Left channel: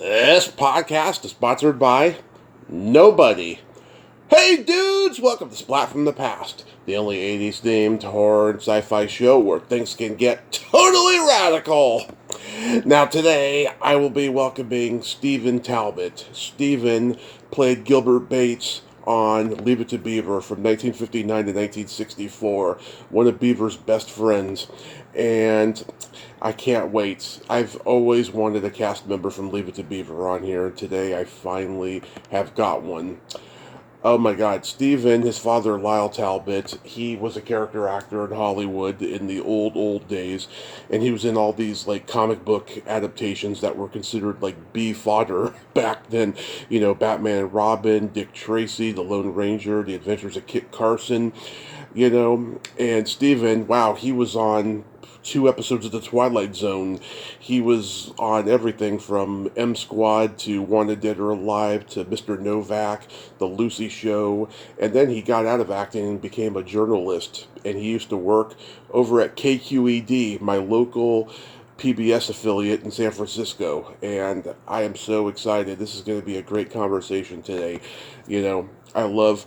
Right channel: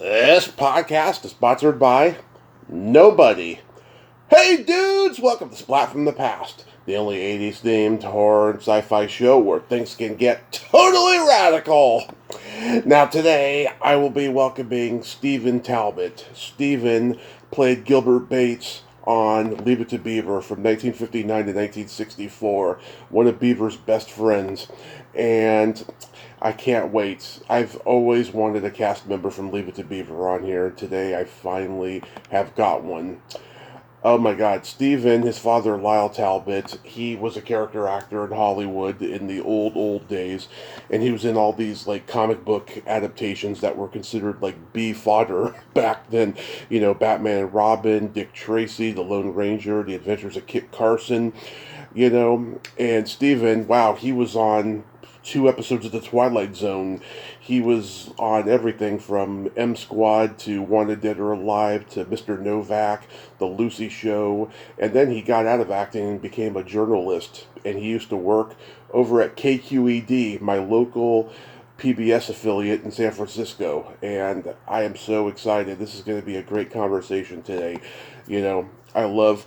This podcast is sponsored by nobody. Hey dudes, welcome to Splat from the Past, the only 80s themed horror and sci-fi show where things can get totally radical. Now today, I will be welcoming Stephen Talbot. Stephen played Gilbert Bates on Leave It To Beaver from 1959 to 1964, one of Beaver's best friends. And I can't wait. I've always wanted a cast member from Leave It To Beaver on here, and today I finally have got one. Oh my God, Stephen, his father Lyall Talbot, he was a character actor in Hollywood in the old days, and he was in all these like comic book adaptations that were considered like B fodder back then. You know, Batman and Robin, Dick Tracy, The Lone Ranger, The Adventures of Kit Carson, you know, and Stephen, wow, he was on 2 episodes of the Twilight Zone. He was on everything from M Squad to Wanted Dead or Alive to Mr. Novak, The Lucy Show, and then he got out of acting and became a journalist. And he used to work over at KQED, my local PBS affiliate in San Francisco. And I am so excited. This is going to be a great conversation today. You know, I love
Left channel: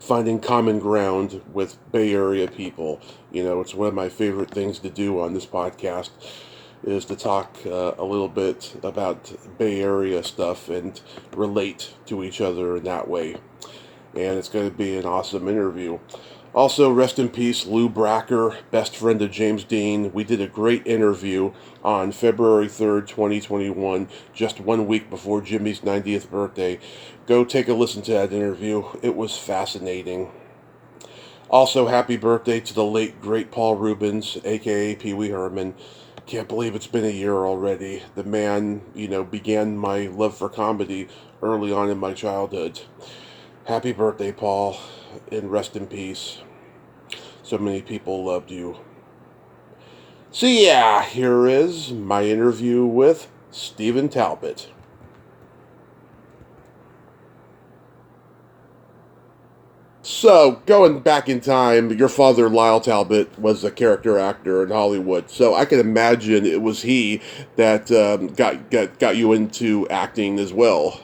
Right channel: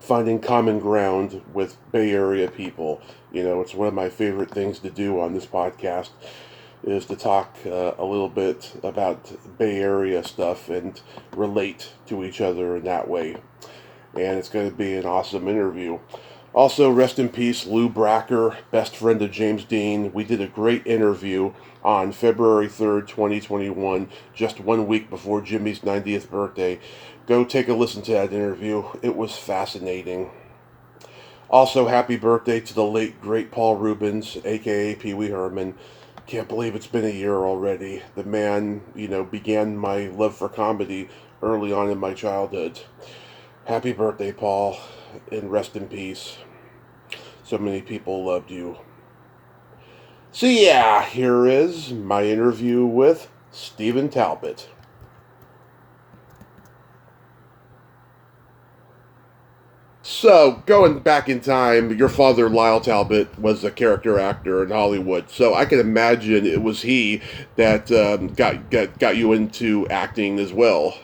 finding common ground with Bay Area people. You know, it's one of my favorite things to do on this podcast is to talk a little bit about Bay Area stuff and relate to each other in that way. And it's going to be an awesome interview. Also, rest in peace, Lou Bracker, best friend of James Dean. We did a great interview on February 3rd, 2021, just 1 week before Jimmy's 90th birthday. Go take a listen to that interview. It was fascinating. Also, happy birthday to the late, great Paul Rubens, a.k.a. Pee Wee Herman. Can't believe it's been a year already. The man, you know, began my love for comedy early on in my childhood. Happy birthday, Paul, and rest in peace. So many people loved you. So yeah, here is my interview with Stephen Talbot. So, going back in time, your father, Lyall Talbot, was a character actor in Hollywood. So I can imagine it was he that got you into acting as well.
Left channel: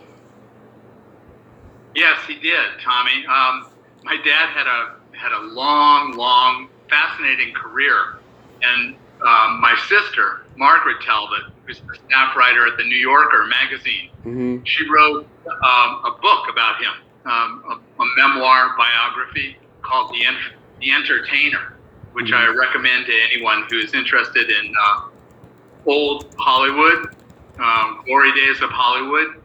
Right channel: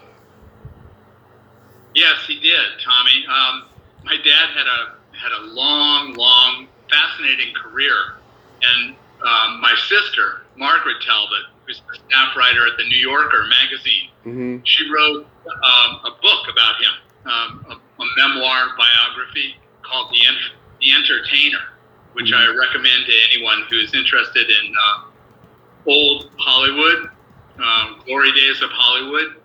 Yes, he did, Tommy. My dad had a long, fascinating career, and my sister, Margaret Talbot, who's the staff writer at the New Yorker magazine, she wrote a book about him. A memoir biography called The Entertainer, which I recommend to anyone who's interested in old Hollywood, glory days of Hollywood,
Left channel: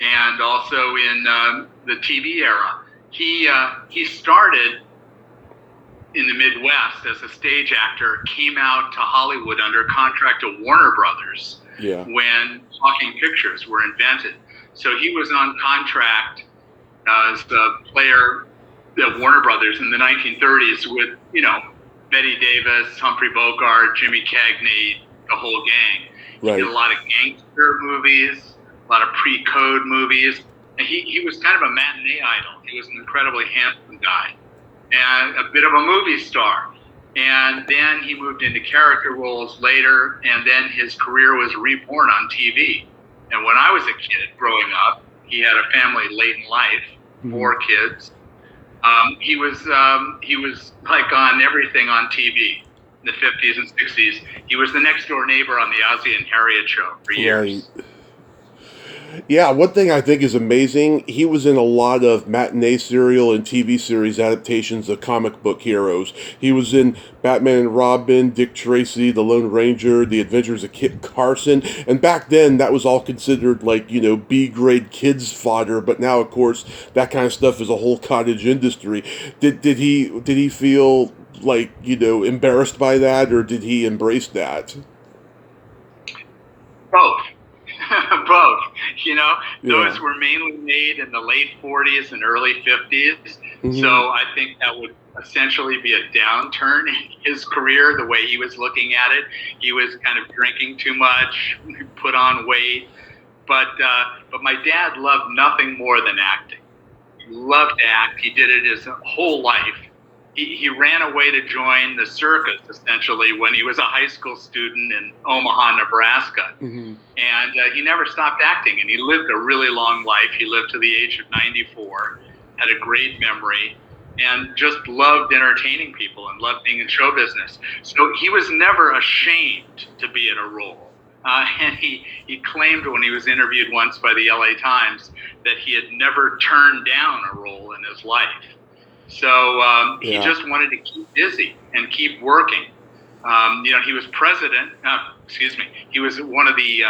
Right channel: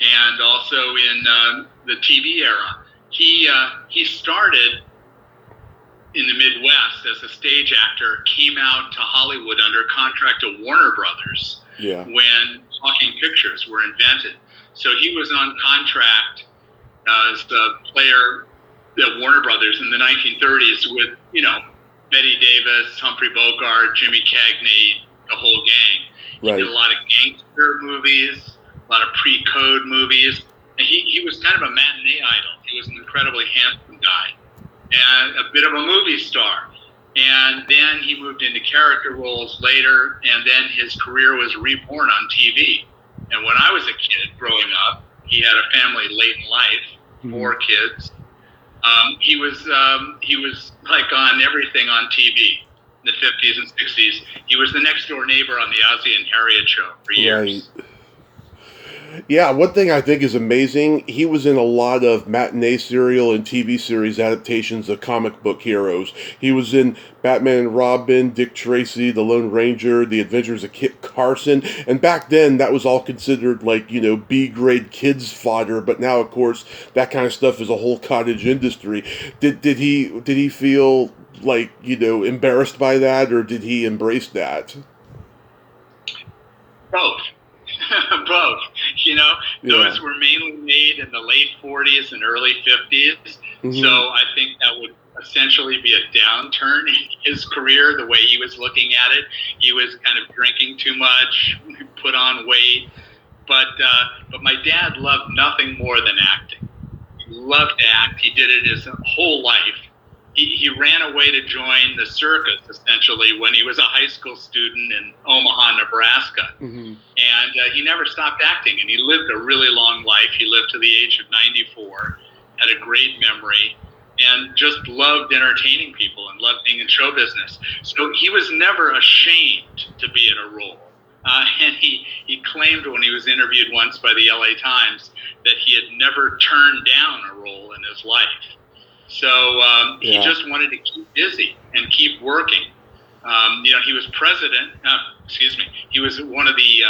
and also in the TV era. He started in the Midwest as a stage actor, came out to Hollywood under contract to Warner Brothers when talking pictures were invented. So he was on contract as the player at Warner Brothers in the 1930s with, you know, Betty Davis, Humphrey Bogart, Jimmy Cagney, the whole gang. He did a lot of gangster movies, a lot of pre-code movies. And he was kind of a matinee idol. He was an incredibly handsome guy and a bit of a movie star. And then he moved into character roles later, and then his career was reborn on TV. And when I was a kid growing up, he had a family late in life, 4 kids. He was like on everything on TV in the 50s and 60s. He was the next door neighbor on the Ozzie and Harriet show for years. Right. Yeah, one thing I think is amazing, he was in a lot of matinee serial and TV series adaptations of comic book heroes. He was in Batman and Robin, Dick Tracy, The Lone Ranger, The Adventures of Kit Carson, and back then that was all considered like, you know, B-grade kids fodder, but now of course that kind of stuff is a whole cottage industry. Did he feel like, you know, embarrassed by that, or did he embrace that? Both. Both. You know, those were mainly made in the late 40s and early 50s. So I think that would essentially be a downturn in his career, the way he was looking at it. He was kind of drinking too much, put on weight. But my dad loved nothing more than acting. He loved to act. He did it his whole life. he ran away to join the circus, essentially, when he was a high school student in Omaha, Nebraska. Mm-hmm. And he never stopped acting, and he lived a really long life. He lived to the age of 94, had a great memory, and just loved entertaining people and loved being in show business. So he was never ashamed to be in a role. And he claimed when he was interviewed once by the LA Times that he had never turned down a role in his life. So he just wanted to keep busy and keep working. He was he was one of the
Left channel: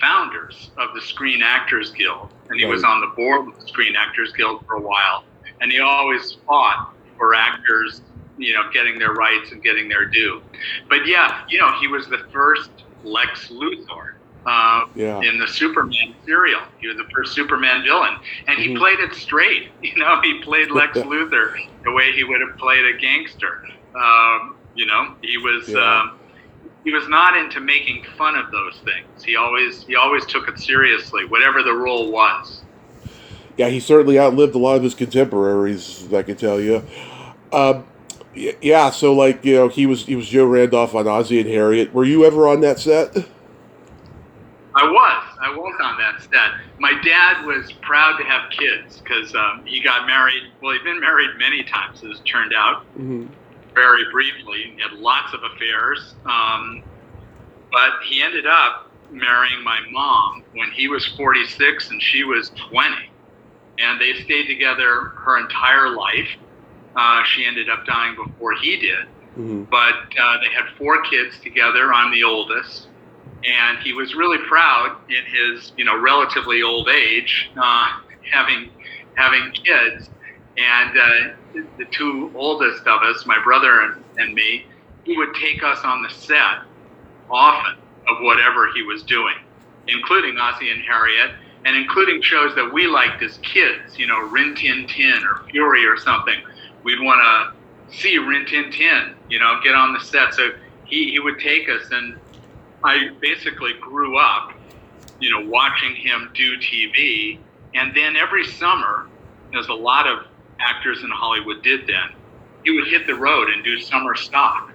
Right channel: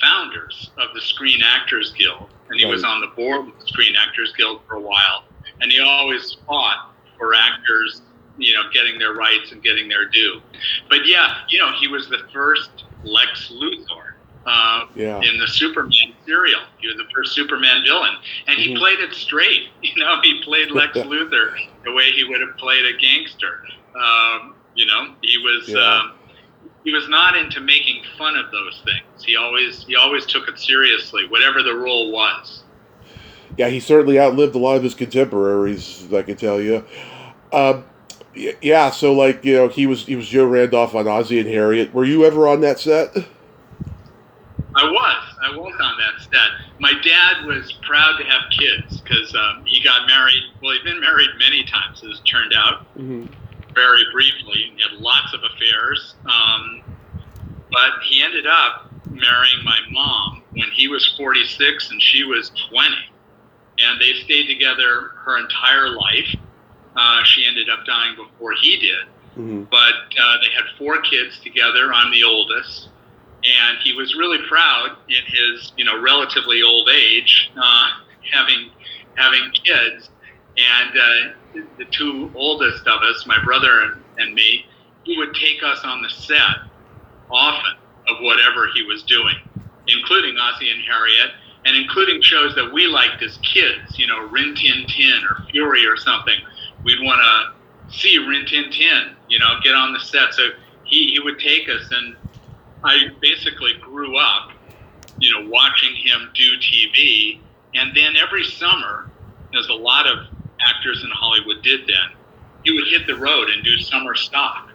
founders of the Screen Actors Guild, and he was on the board of the Screen Actors Guild for a while. And he always fought for actors, getting their rights and getting their due. But he was the first Lex Luthor in the Superman serial. He was the first Superman villain, and he played it straight. He played Lex Luthor the way he would have played a gangster. He was not into making fun of those things. He always took it seriously, whatever the role was. Yeah, he certainly outlived a lot of his contemporaries, I can tell you. So he was Joe Randolph on Ozzie and Harriet. Were you ever on that set? I was on that set. My dad was proud to have kids because he got married. Well, he'd been married many times, as it turned out. Mm-hmm. Very briefly. He had lots of affairs. But he ended up marrying my mom when he was 46 and she was 20. And they stayed together her entire life. She ended up dying before he did. Mm-hmm. But they had 4 kids together. I'm the oldest. And he was really proud in his, relatively old age, having kids. And the 2 oldest of us, my brother and me, he would take us on the set often of whatever he was doing, including Ozzie and Harriet, and including shows that we liked as kids, Rin Tin Tin or Fury or something. We'd want to see Rin Tin Tin, get on the set. So he would take us, and I basically grew up, watching him do TV. And then every summer, as a lot of actors in Hollywood did then, he would hit the road and do summer stock.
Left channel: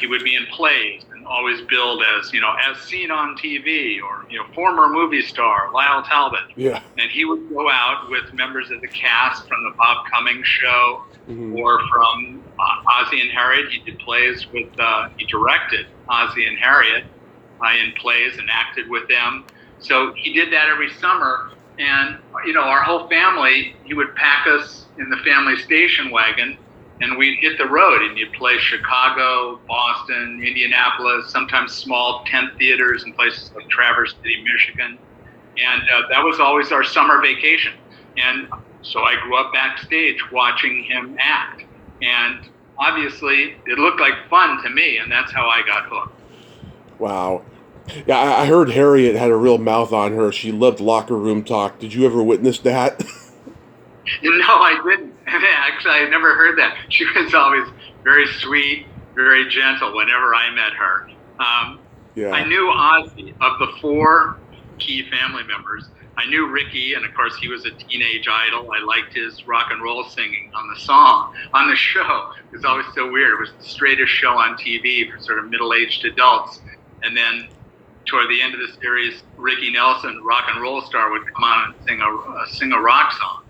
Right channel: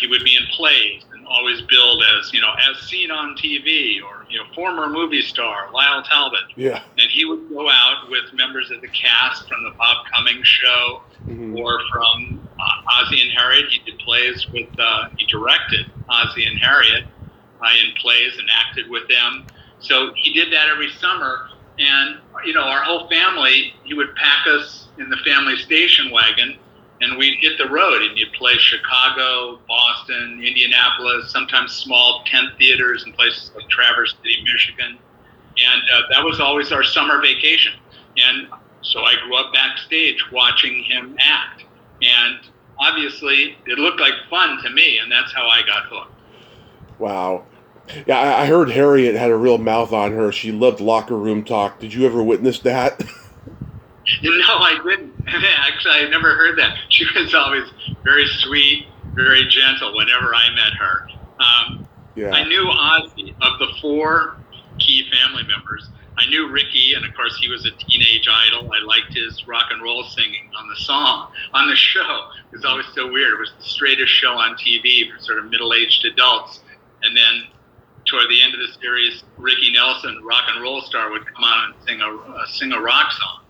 He would be in plays and always billed as, as seen on TV, or, former movie star Lyall Talbot. Yeah. And he would go out with members of the cast from the Bob Cummings show, or from Ozzie and Harriet. He did plays with, he directed Ozzie and Harriet in plays and acted with them. So he did that every summer. And, our whole family, he would pack us in the family station wagon, and we'd hit the road, and you'd play Chicago, Boston, Indianapolis, sometimes small tent theaters in places like Traverse City, Michigan. And that was always our summer vacation. And so I grew up backstage watching him act. And obviously, it looked like fun to me, and that's how I got hooked. Wow. Yeah, I heard Harriet had a real mouth on her. She loved locker room talk. Did you ever witness that? No, I didn't. Actually, I never heard that. She was always very sweet, very gentle whenever I met her. I knew Ozzie. Of the 4 key family members, I knew Ricky, and of course he was a teenage idol. I liked his rock and roll singing on the show. It was always so weird. It was the straightest show on TV for sort of middle-aged adults. And then toward the end of the series, Ricky Nelson, rock and roll star, would come on and sing a rock song,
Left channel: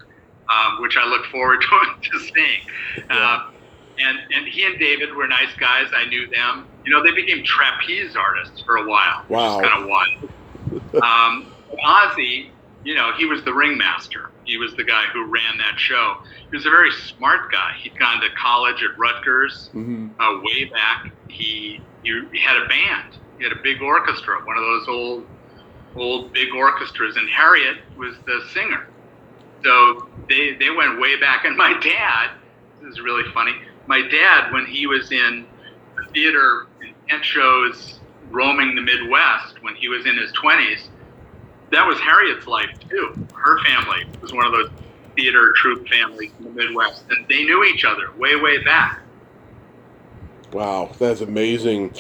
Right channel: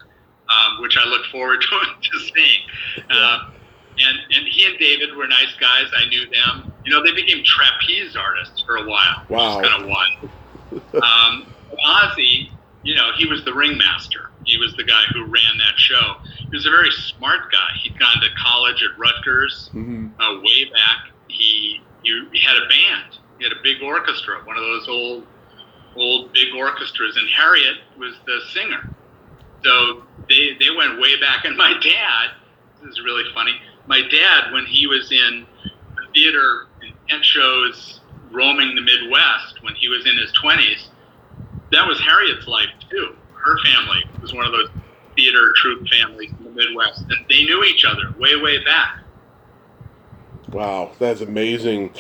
which I look forward to seeing. And he and David were nice guys. I knew them. They became trapeze artists for a while, which is kind of wild. Ozzie, he was the ringmaster. He was the guy who ran that show. He was a very smart guy. He'd gone to college at Rutgers way back. He had a band. He had a big orchestra, one of those old big orchestras, and Harriet was the singer. So they went way back. And my dad, this is really funny, my dad, when he was in the theater and tent shows roaming the Midwest, when he was in his 20s, that was Harriet's life too. Her family was one of those theater troupe families in the Midwest, and they knew each other way back. Wow, that's amazing.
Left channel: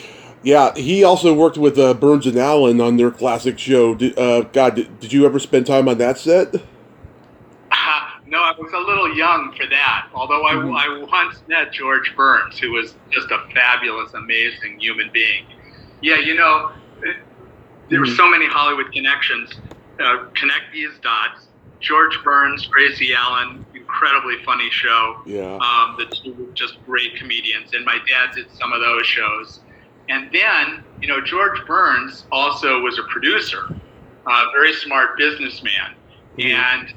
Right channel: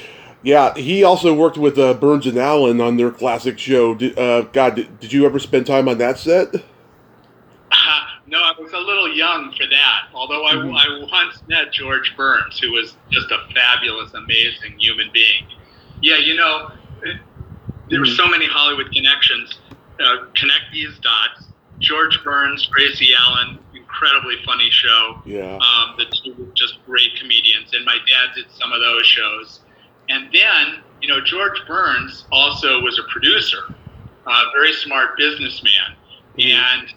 Yeah, he also worked with Burns and Allen on their classic show. Did you ever spend time on that set? No, No, I was a little young for that. Although I once met George Burns, who was just a fabulous, amazing human being. Yeah, there were so many Hollywood connections. Connect these dots. George Burns, Gracie Allen, incredibly funny show. Yeah. The two were just great comedians, and my dad did some of those shows. And then, George Burns also was a producer, a very smart businessman. And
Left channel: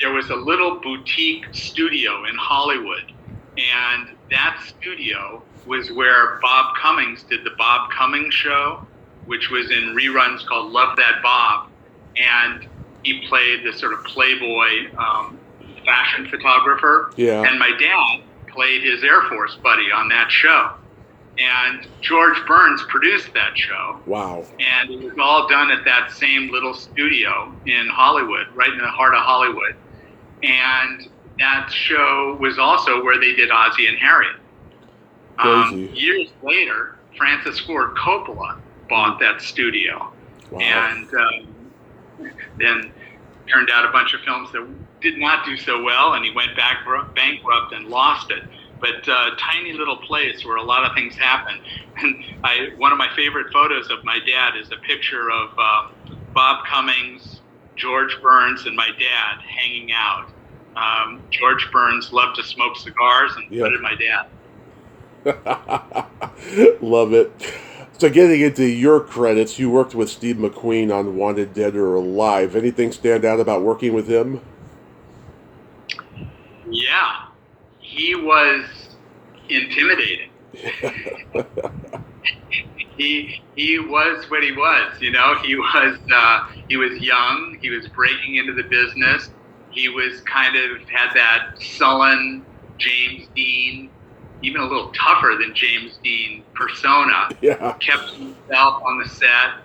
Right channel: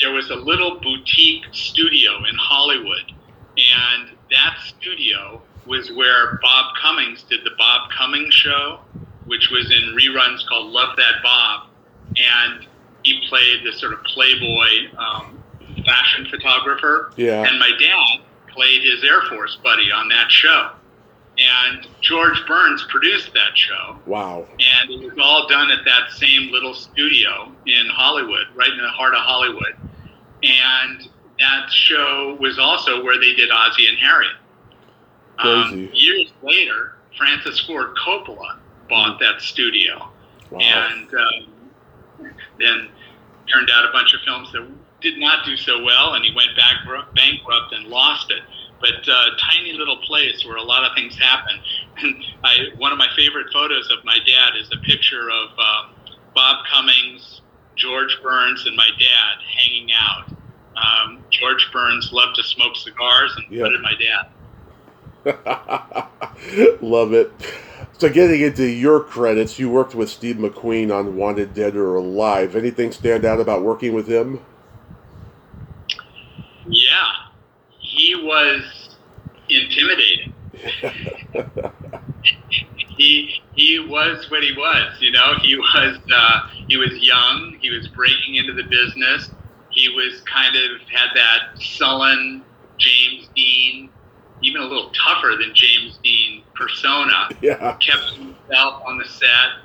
there was a little boutique studio in Hollywood. And that studio was where Bob Cummings did the Bob Cummings Show, which was in reruns called Love That Bob. And he played this sort of playboy fashion photographer. Yeah. And my dad played his Air Force buddy on that show. And George Burns produced that show. Wow. And it was all done at that same little studio in Hollywood, right in the heart of Hollywood. And that show was also where they did Ozzie and Harriet. Crazy. Years later, Francis Ford Coppola bought that studio. Wow. And then turned out a bunch of films that did not do so well, and he went bankrupt and lost it. But tiny little place where a lot of things happen. And one of my favorite photos of my dad is a picture of Bob Cummings, George Burns, and my dad hanging out. George Burns loved to smoke cigars, and so did my dad. Love it. So getting into your credits, you worked with Steve McQueen on Wanted Dead or Alive. Anything stand out about working with him? Yeah. He was intimidating. he was what he was, He was young. He was breaking into the business. He was kind of had that sullen James Dean, even a little tougher than James Dean persona. Yeah. Kept himself on the set.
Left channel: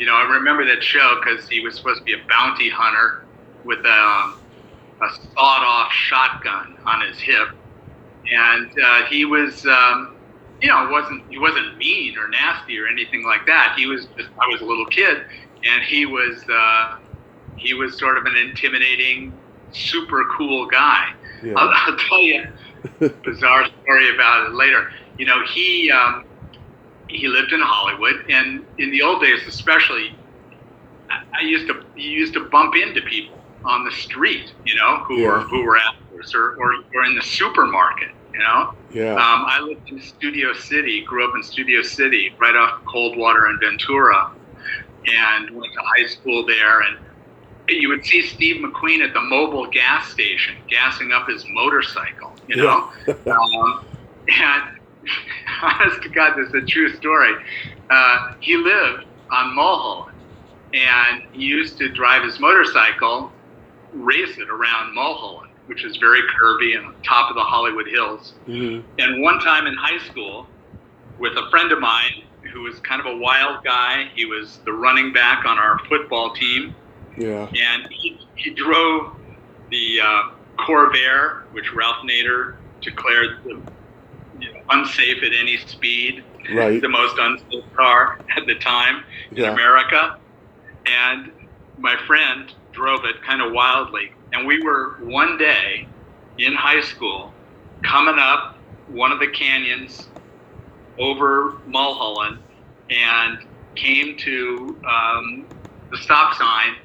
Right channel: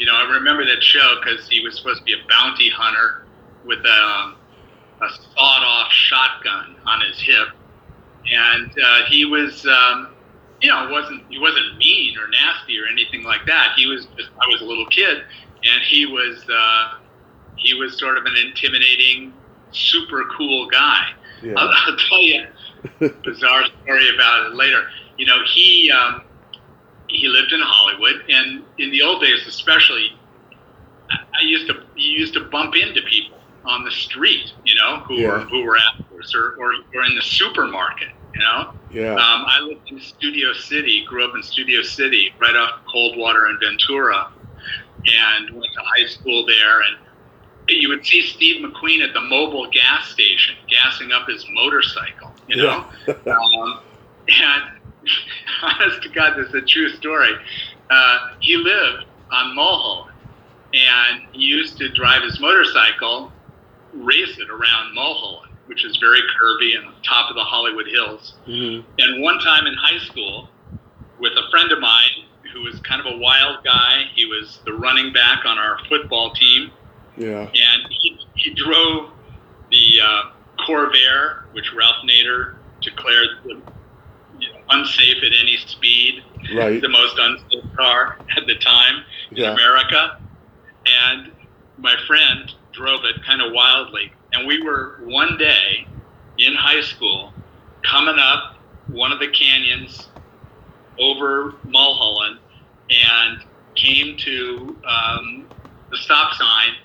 I remember that show because he was supposed to be a bounty hunter with a sawed-off shotgun on his hip. And he was, he wasn't mean or nasty or anything like that. I was a little kid, and he was sort of an intimidating, super cool guy. Yeah. I'll tell you a bizarre story about it later. He lived in Hollywood, and in the old days, especially, you used to bump into people on the street, who were actors or in the supermarket, Yeah. I lived in Studio City, grew up in Studio City, right off Coldwater and Ventura, and went to high school there. And you would see Steve McQueen at the mobile gas station, gassing up his motorcycle, Yeah. And honest to God, this is a true story. He lived on Mulholland, and he used to drive his motorcycle, race it around Mulholland, which is very curvy and on top of the Hollywood Hills. Mm-hmm. And one time in high school, with a friend of mine who was kind of a wild guy, he was the running back on our football team. Yeah. And he drove the Corvair, which Ralph Nader declared unsafe at any speed, right. The most unsafe car at the time in America. And my friend drove it kind of wildly. And we were one day in high school coming up one of the canyons over Mulholland and came to the stop sign,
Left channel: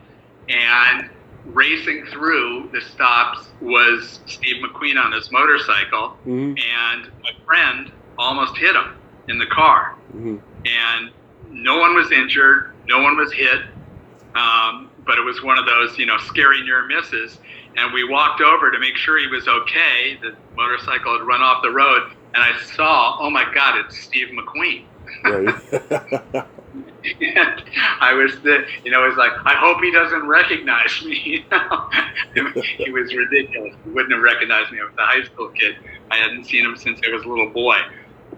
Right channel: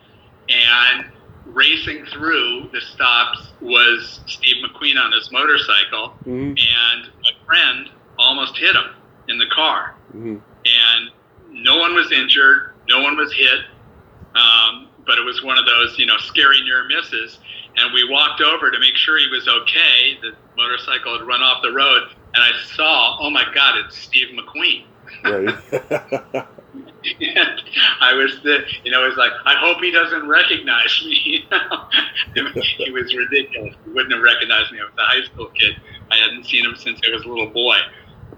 and racing through the stops was Steve McQueen on his motorcycle, and my friend almost hit him in the car. And no one was injured, no one was hit, but it was one of those, scary near misses. And we walked over to make sure he was okay. The motorcycle had run off the road, and I saw, oh my God, it's Steve McQueen. Right. And I was, it was like, I hope he doesn't recognize me. He was ridiculous. He wouldn't have recognized me. I was a high school kid. I hadn't seen him since I was a little boy.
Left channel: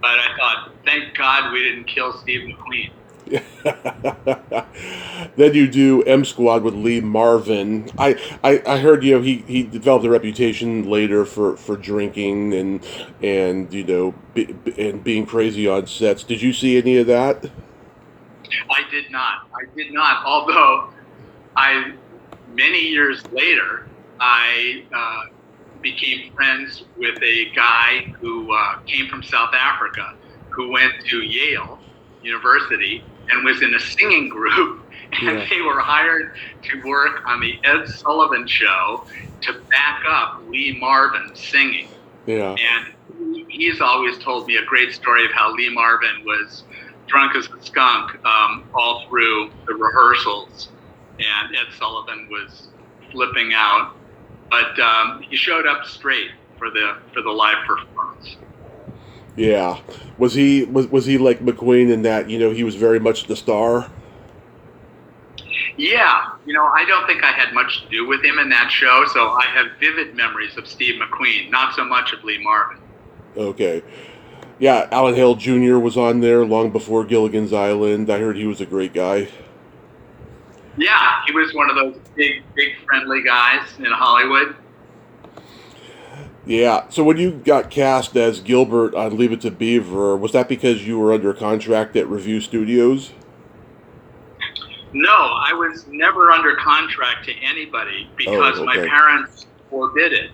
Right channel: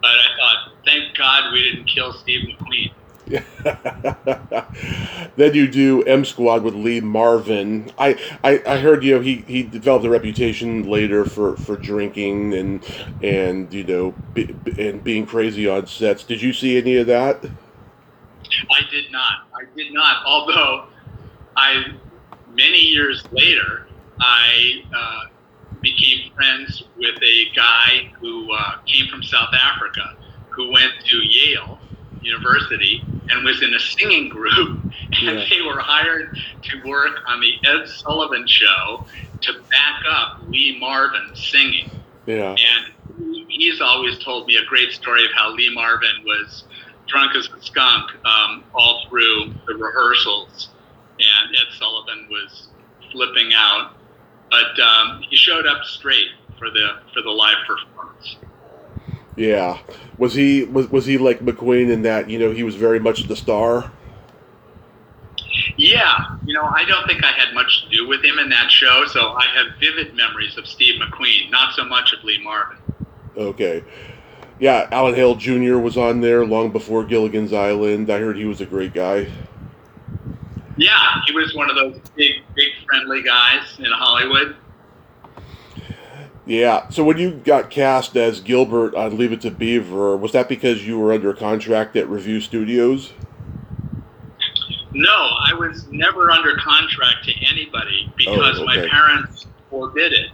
But I thought, thank God we didn't kill Steve McQueen. Then you do M Squad with Lee Marvin. I heard he developed a reputation later for drinking and being crazy on sets. Did you see any of that? I did not. Although many years later, I became friends with a guy who came from South Africa, who went to Yale University and was in a singing group, and they were hired to work on the Ed Sullivan Show to back up Lee Marvin singing. Yeah. And he's always told me a great story of how Lee Marvin was drunk as a skunk all through the rehearsals, and Ed Sullivan was flipping out, but he showed up straight for the live performance. Yeah. Was he like McQueen in that, he was very much the star? Yeah. I don't think I had much to do with him in that show, so I have vivid memories of Steve McQueen, not so much of Lee Marvin. Okay. Yeah, Alan Hale Jr. was on there long before Gilligan's Island. I heard he was a great guy. Yeah, he was one of those big friendly guys in Hollywood. Yeah. So when you got cast as Gilbert on Leave It To Beaver, was that because you were under contract at Review Studios? No, I was never under contract to anybody because my parents forbid it.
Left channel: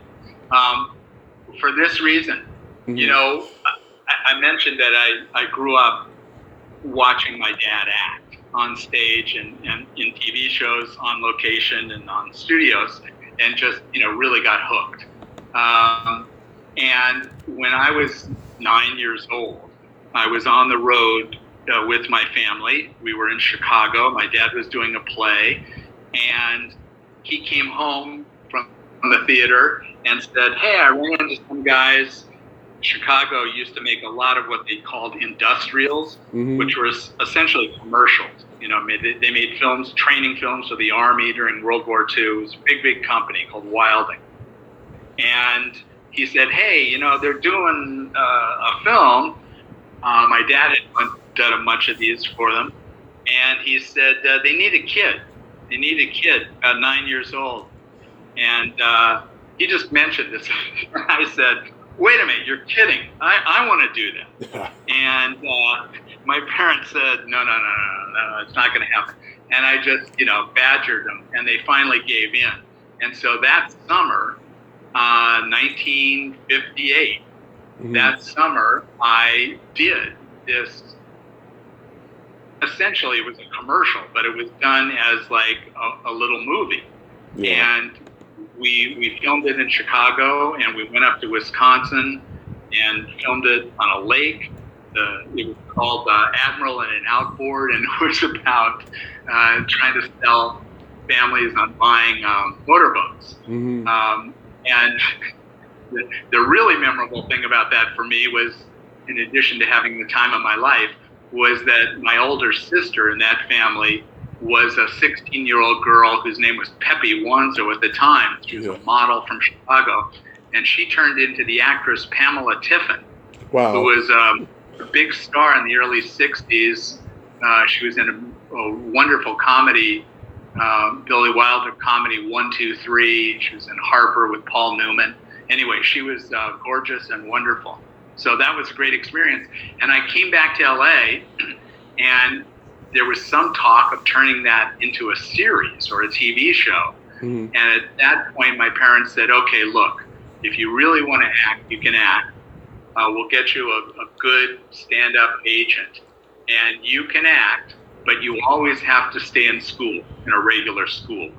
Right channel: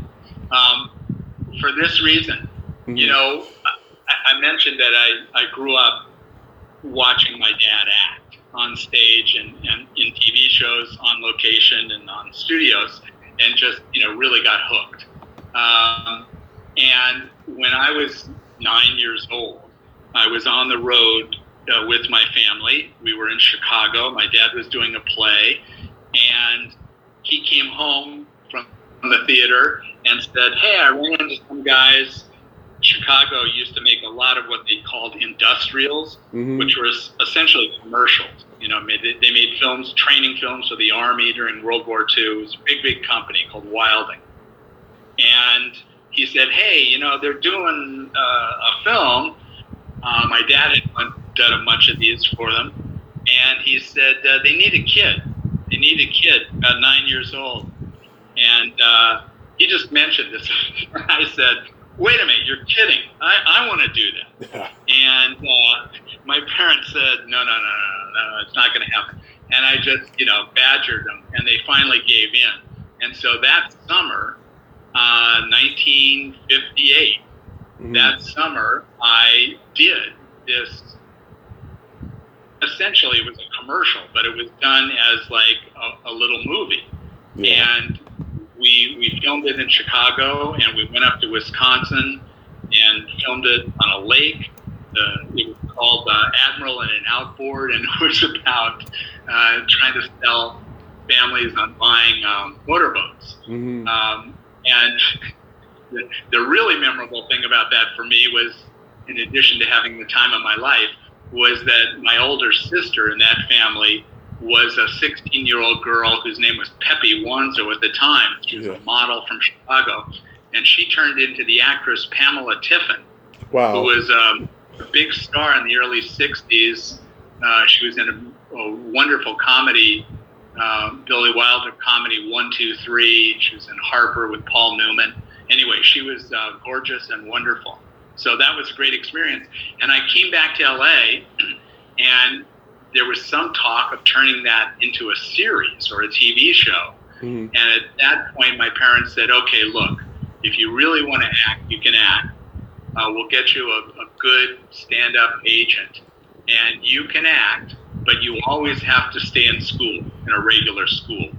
For this reason, Mm-hmm. I mentioned that I grew up watching my dad act on stage and in TV shows, on location and on studios, and just, really got hooked. And when I was 9 years old, I was on the road with my family. We were in Chicago. My dad was doing a play, and he came home from the theater and said, "Hey, I ran into some guys. Chicago used to make a lot of what they called industrials, which were essentially commercials. They made films, training films for the Army during World War II. It was a big company called Wilding." And he said, "Hey, they're doing a film." My dad had done much of these for them. And he said, they need a kid. They need a kid about 9 years old. And he just mentioned this. I said, "Wait a minute, you're kidding. I want to do that." And my parents said, no, it's not going to happen. And I just, badgered them, and they finally gave in. And so that summer, 1958, that summer, I did this. Essentially, it was a commercial, but it was done as like a little movie. Yeah. And we filmed it in Chicago, and we went up to Wisconsin and filmed it on a lake. It was called Admiral and an Outboard, and it was about trying to sell families on buying motorboats. And the really memorable thing about that for me was, in addition to having the time of my life, was that my older sister in that family was a 16-year-old girl whose name was Pepe Wanzo at the time. She was a model from Chicago, and she turned into the actress Pamela Tiffin, who was a big star in the early 60s. She was in a wonderful comedy, Billy Wilder comedy 1, 2, 3. She was in Harper with Paul Newman. Anyway, she was gorgeous and wonderful. So that was a great experience. And I came back to LA, and there was some talk of turning that into a series or a TV show. And at that point, my parents said, "Okay, look, if you really want to act, you can act. We'll get you a good stand-up agent, and you can act, but you always have to stay in school, in a regular school."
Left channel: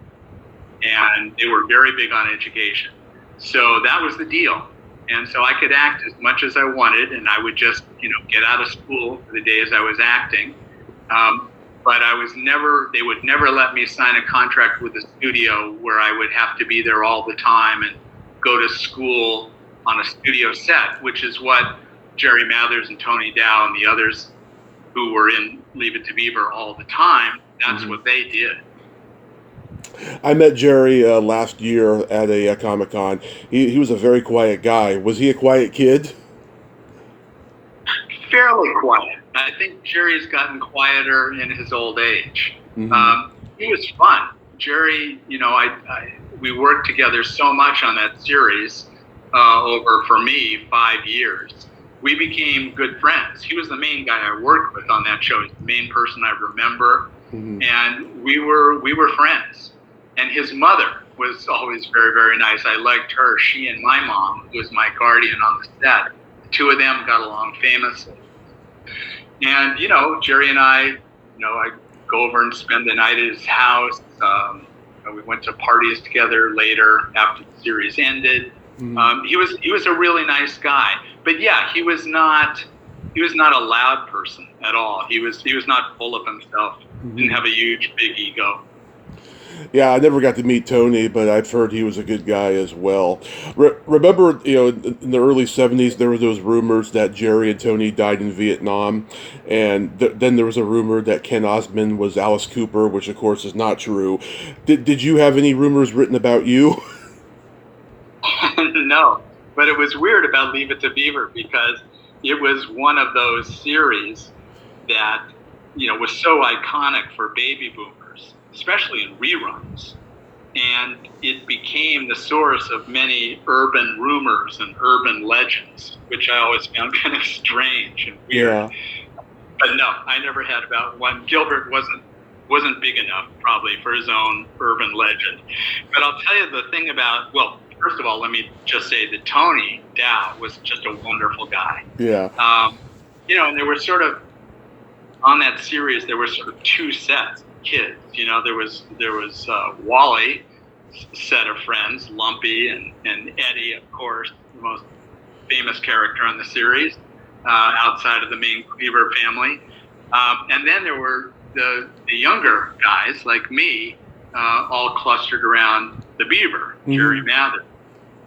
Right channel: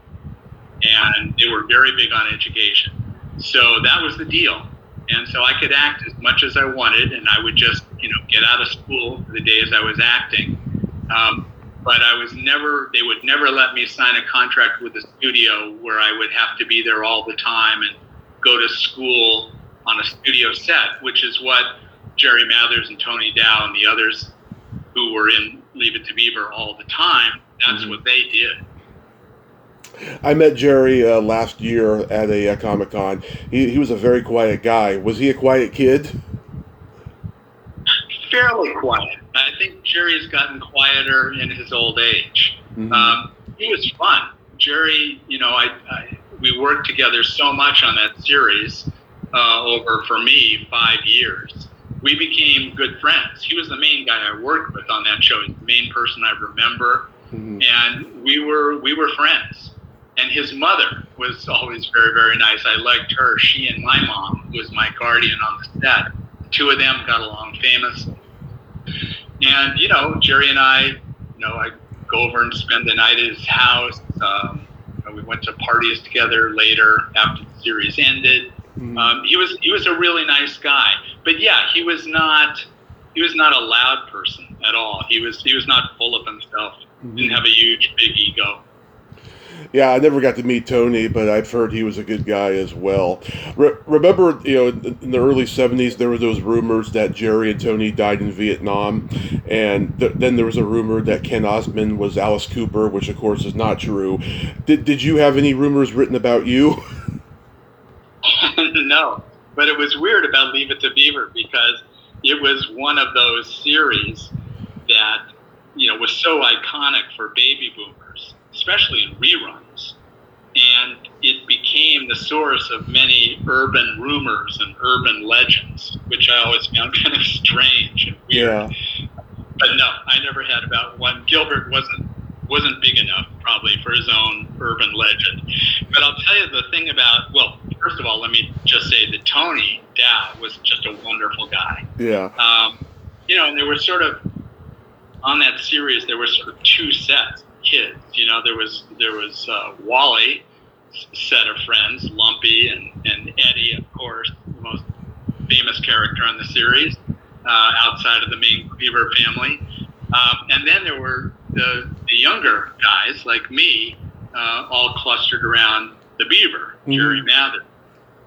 And they were very big on education. So that was the deal. And so I could act as much as I wanted, and I would just, get out of school for the days I was acting. But they would never let me sign a contract with a studio where I would have to be there all the time and go to school on a studio set, which is what Jerry Mathers and Tony Dow and the others who were in Leave It To Beaver all the time, that's what they did. I met Jerry last year at a Comic-Con. He was a very quiet guy. Was he a quiet kid? Fairly quiet. I think Jerry's gotten quieter in his old age. He was fun. Jerry, we worked together so much on that series over, for me, 5 years. We became good friends. He was the main guy I worked with on that show. He's the main person I remember. And we were friends. And his mother was always very, very nice. I liked her. She and my mom, who was my guardian on the set, the two of them got along famously. And, Jerry and I go over and spend the night at his house. We went to parties together later after the series ended. Mm-hmm. He was a really nice guy. But yeah, he was not a loud person at all. He was not full of himself. Mm-hmm. Didn't have a huge, big ego. Yeah, I never got to meet Tony, but I've heard he was a good guy as well. Remember, in the early 70s, there were those rumors that Jerry and Tony died in Vietnam, and then there was a rumor that Ken Osmond was Alice Cooper, which of course is not true. Did you have any rumors written about you? No, but it was weird about Leave It To Beaver because it was one of those series that, was so iconic for baby boomers, especially in reruns. And it became the source of many urban rumors and urban legends, which I always found kind of strange and weird. Yeah. But no, I never had about one. Gilbert wasn't big enough probably for his own urban legend. But I'll tell you the thing about, well, first of all, let me just say that Tony Dow was just a wonderful guy. Yeah. And there were sort of, on that series, there were sort of two sets of kids. There was Wally, set of friends, Lumpy and Eddie, of course, the most famous character on the series, outside of the main Beaver family. And then there were the younger guys like me, all clustered around the Beaver, Jerry Mather.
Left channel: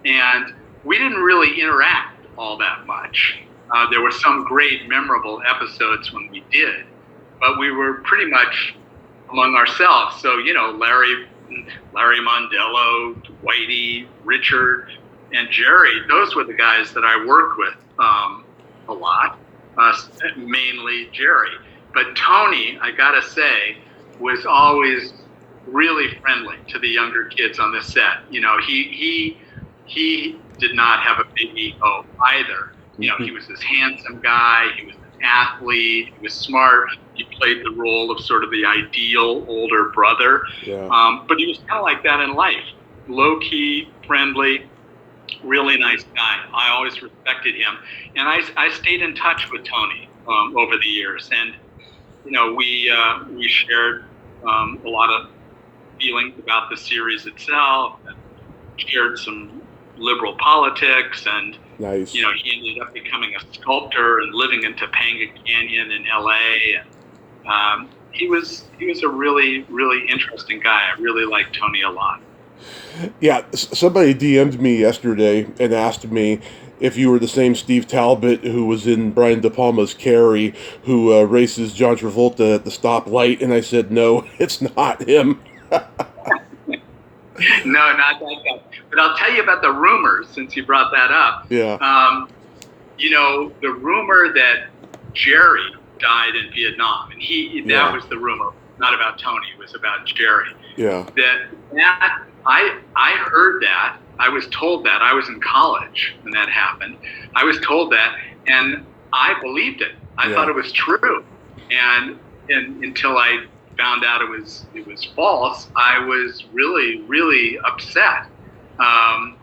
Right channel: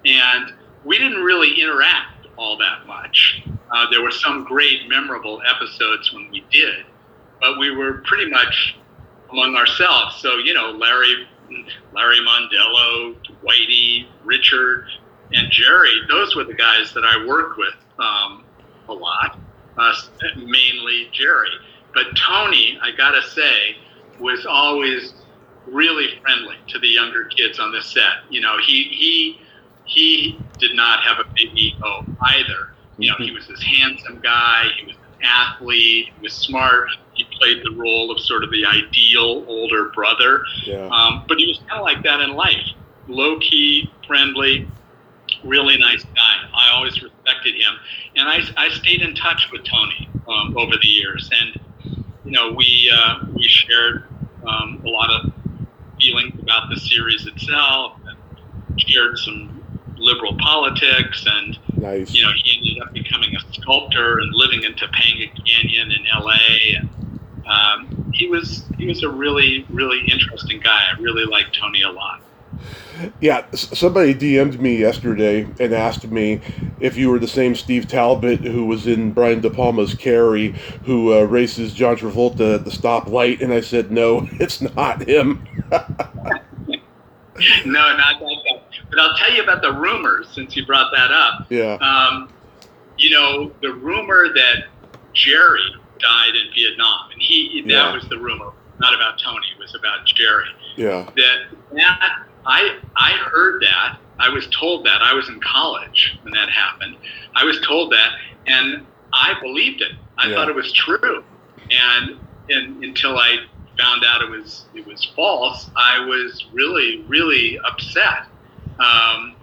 And we didn't really interact all that much. There were some great memorable episodes when we did, but we were pretty much among ourselves. So, Larry Mondello, Whitey, Richard, and Jerry, those were the guys that I worked with a lot, mainly Jerry. But Tony, I gotta say, was always really friendly to the younger kids on the set. He did not have a big ego either. He was this handsome guy. He was an athlete. He was smart. He played the role of sort of the ideal older brother. Yeah. But he was kind of like that in life. Low-key, friendly, really nice guy. I always respected him. And I stayed in touch with Tony over the years. And, we shared a lot of feelings about the series itself, and shared some liberal politics, and nice. He ended up becoming a sculptor and living in Topanga Canyon in LA. And he was a really, really interesting guy. I really liked Tony a lot. Yeah, somebody DM'd me yesterday and asked me if you were the same Steve Talbot who was in Brian De Palma's Carrie, who races John Travolta at the stoplight, and I said, no, it's not him. No, not that guy. But I'll tell you about the rumors, since you brought that up. Yeah. The rumor that Jerry died in Vietnam, and that was the rumor, not about Tony, it was about Jerry. Yeah. That I heard that. I was told that. I was in college when that happened. I was told that, and I believed it. I thought it was true. And until I found out it was false, I was really, really upset. And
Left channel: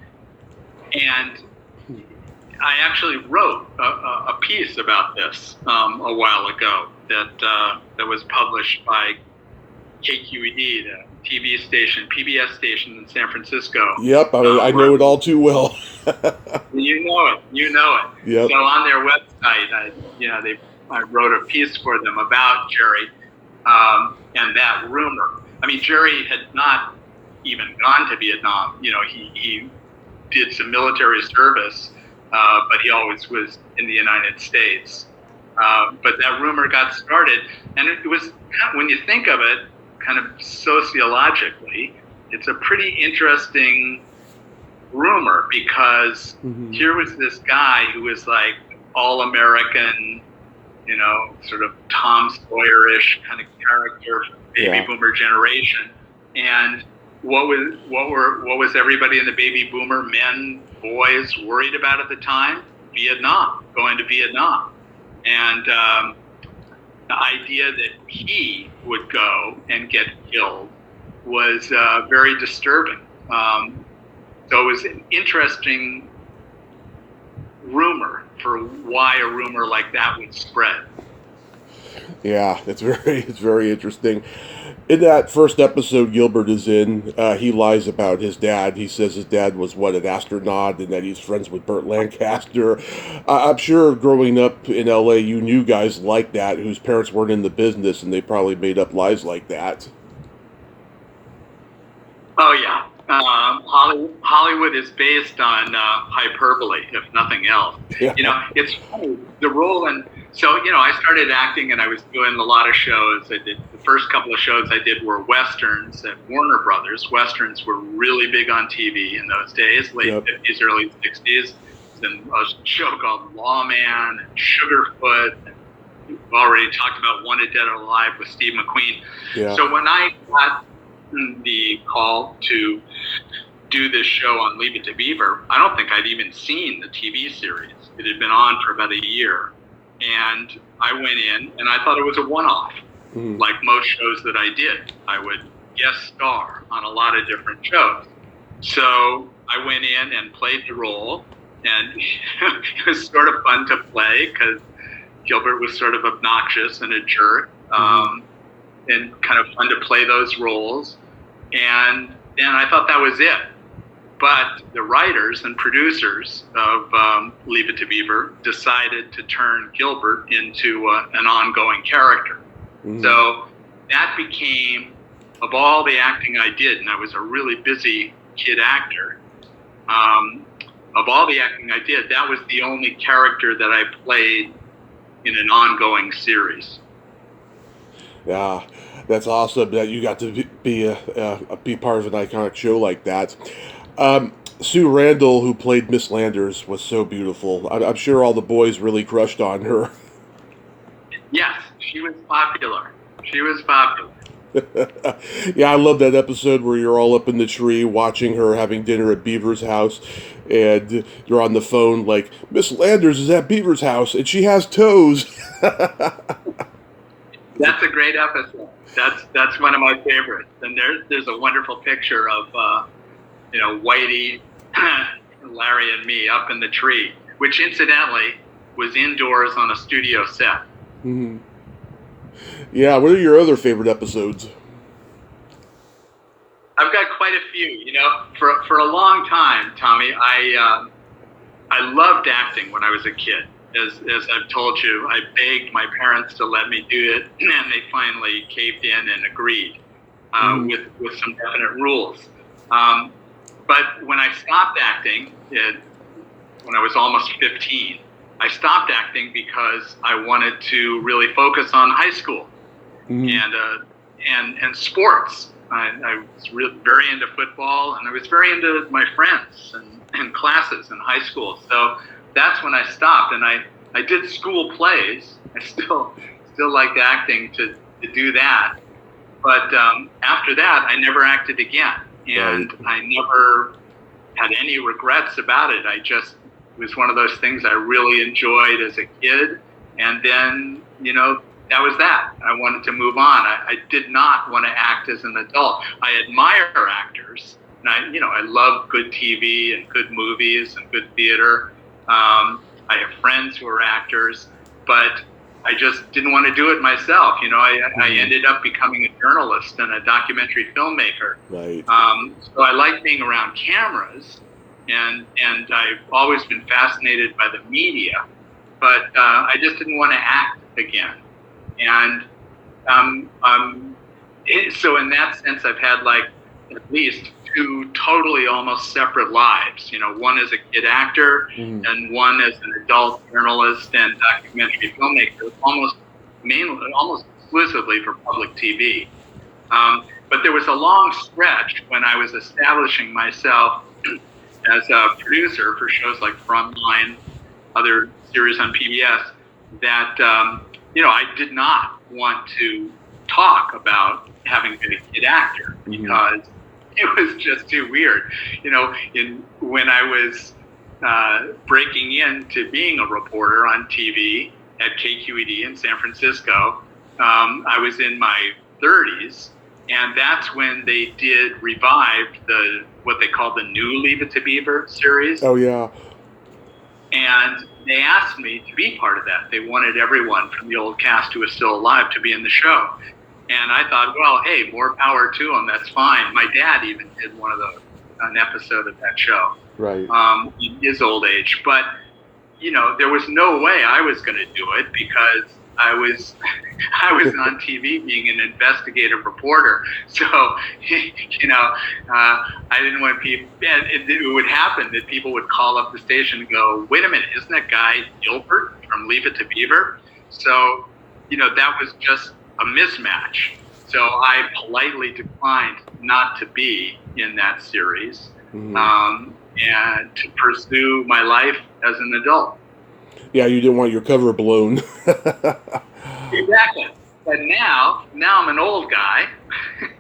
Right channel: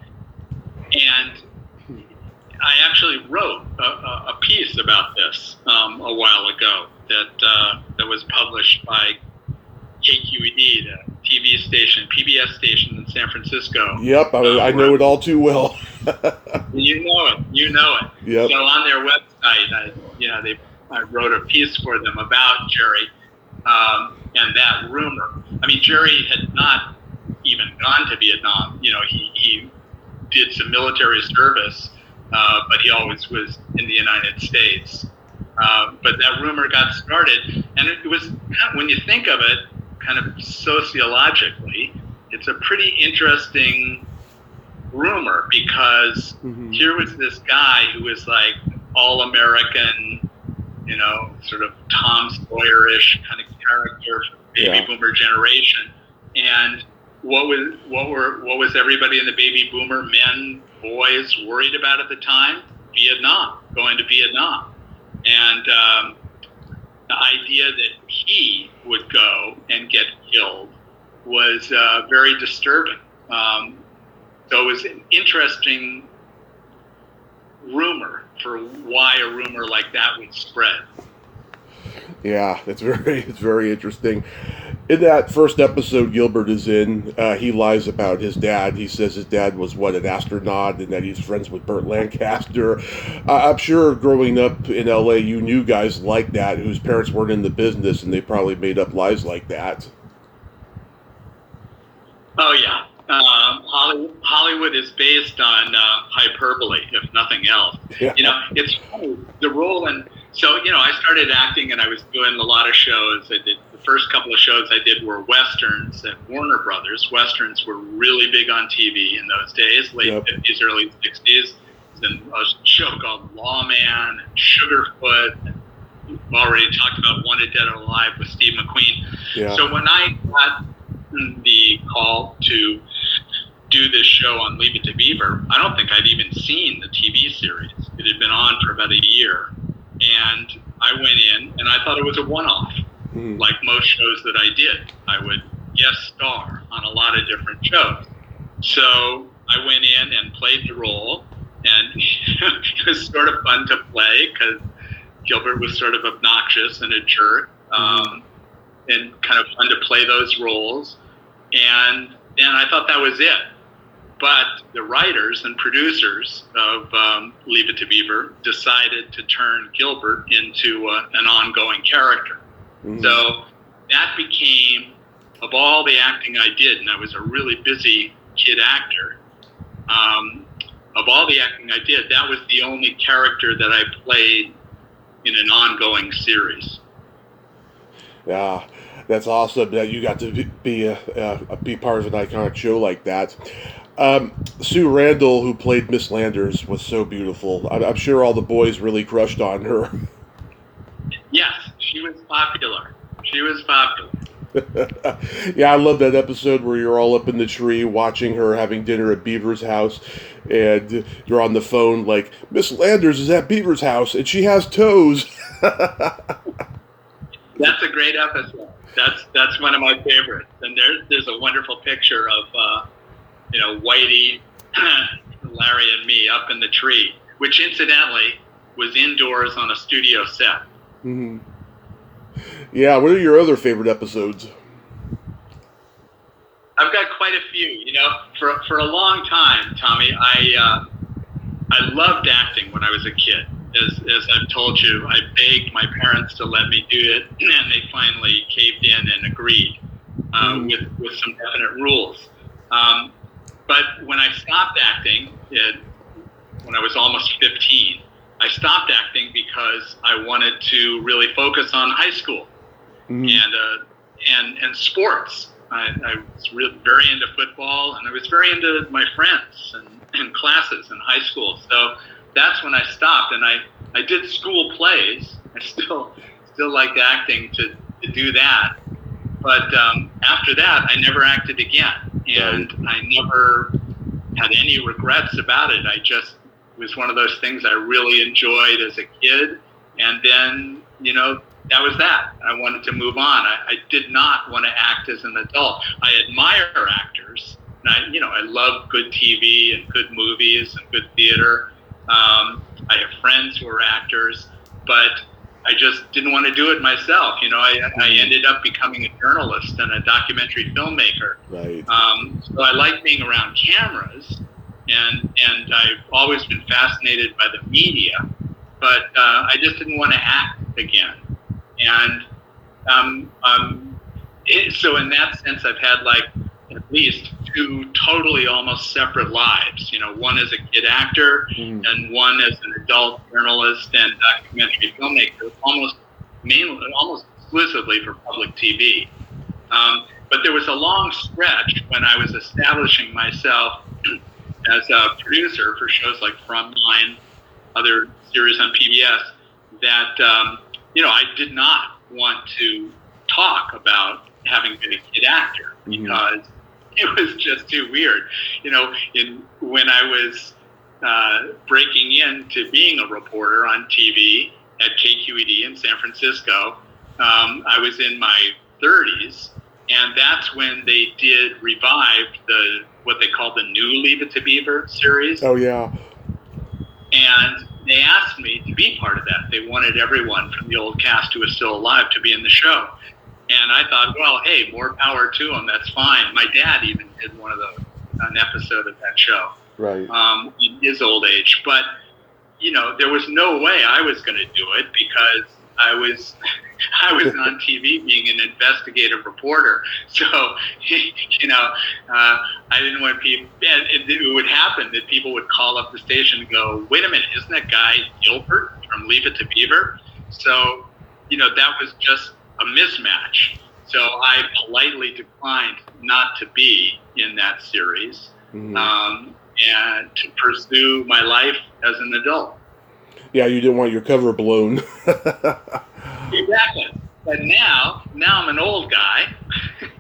I actually wrote a piece about this a while ago that was published by KQED, the TV station, PBS station in San Francisco. Yep, I know it all too well. You know it. Yep. So on their website, I wrote a piece for them about Jerry and that rumor. I mean, Jerry had not even gone to Vietnam. He did some military service, but he always was in the United States. But that rumor got started, and it was, when you think of it, kind of sociologically, it's a pretty interesting rumor, because here was this guy who was like all-American, sort of Tom Sawyer-ish kind of character for the baby boomer generation. And what was everybody in the baby boomer, men, boys, worried about at the time? Vietnam, going to Vietnam. And the idea that he would go and get killed was very disturbing. So it was an interesting rumor for why a rumor like that would spread. Yeah, it's very interesting. In that first episode Gilbert is in, he lies about his dad. He says his dad was, an astronaut, and that he's friends with Burt Lancaster. I'm sure growing up in LA, you knew guys like that whose parents weren't in the business, and they probably made up lies like that. Oh, yeah. Hollywood is based on hyperbole, if nothing else. Yeah. It's funny, the role, and so, I started acting and I was doing a lot of shows. The first couple of shows I did were Westerns at Warner Brothers. Westerns were really big on TV in those days, late 50s, early 60s. Then a show called Lawman and Sugarfoot. We've already talked about Wanted Dead or Alive with Steve McQueen. Yeah. So when I got the call to do this show on Leave It To Beaver, I don't think I'd even seen the TV series. It had been on for about a year, and I went in and I thought it was a one-off. Like most shows that I did, I would guest star on a lot of different shows. So I went in and played the role, and it was sort of fun to play because Gilbert was sort of obnoxious and a jerk, and kind of fun to play those roles. And I thought that was it. But the writers and producers of Leave It To Beaver decided to turn Gilbert into an ongoing character. So that became, of all the acting I did, and I was a really busy kid actor, of all the acting I did, that was the only character that I played in an ongoing series. Yeah, that's awesome that you got to be part of an iconic show like that. Sue Randall, who played Miss Landers, was so beautiful. I'm sure all the boys really crushed on her. Yes, she was popular. Yeah, I love that episode where you're all up in the tree watching her having dinner at Beaver's house, and you're on the phone like, Miss Landers is at Beaver's house, and she has toes. That's a great episode. That's one of my favorites. And there's a wonderful picture of Whitey, Larry, and me up in the tree, which incidentally was indoors on a studio set. Mm-hmm. Yeah, what are your other favorite episodes? I've got quite a few. For a long time, Tommy, I loved acting when I was a kid. As I've told you, I begged my parents to let me do it, and they finally caved in and agreed with some definite rules. But when I stopped acting, when I was almost 15, I stopped acting because I wanted to really focus on high school and sports. I was really very into football, and I was very into my friends and classes in high school. So that's when I stopped, and I did school plays. I still liked acting to do that. But after that, I never acted again, and I never had any regrets about it. It was one of those things I really enjoyed as a kid, and then, that was that. I wanted to move on. I did not want to act as an adult. I admire actors, and I love good TV and good movies and good theater. I have friends who are actors, but I just didn't want to do it myself. I ended up becoming a journalist and a documentary filmmaker. Right. So I like being around cameras, and I've always been fascinated by the media, but I just didn't want to act again. And so in that sense, I've had at least two totally almost separate lives. One as a kid actor and one as an adult journalist and documentary filmmaker, almost exclusively for public TV. But there was a long stretch when I was establishing myself as a producer for shows like Frontline, other series on PBS, that I did not want to talk about having been a kid actor because it was just too weird. When I was breaking into being a reporter on TV at KQED in San Francisco, I was in my 30s, And that's when they did revive what they call the new Leave It To Beaver series. Oh, yeah. And they asked me to be part of that. They wanted everyone from the old cast who was still alive to be in the show. And I thought, well, hey, more power to them. That's fine. My dad even did an episode of that show. Right. In his old age. But, there was no way I was going to do it because I was on TV being an investigative reporter. So, I didn't want people, and it would happen that people would call up the station and go, wait a minute, isn't that guy Gilbert from Leave It To Beaver? So, that was just a mismatch. So I politely declined not to be in that series. Mm-hmm. And to pursue my life as an adult. Yeah, you didn't want your cover blown. Exactly. But now I'm an old guy.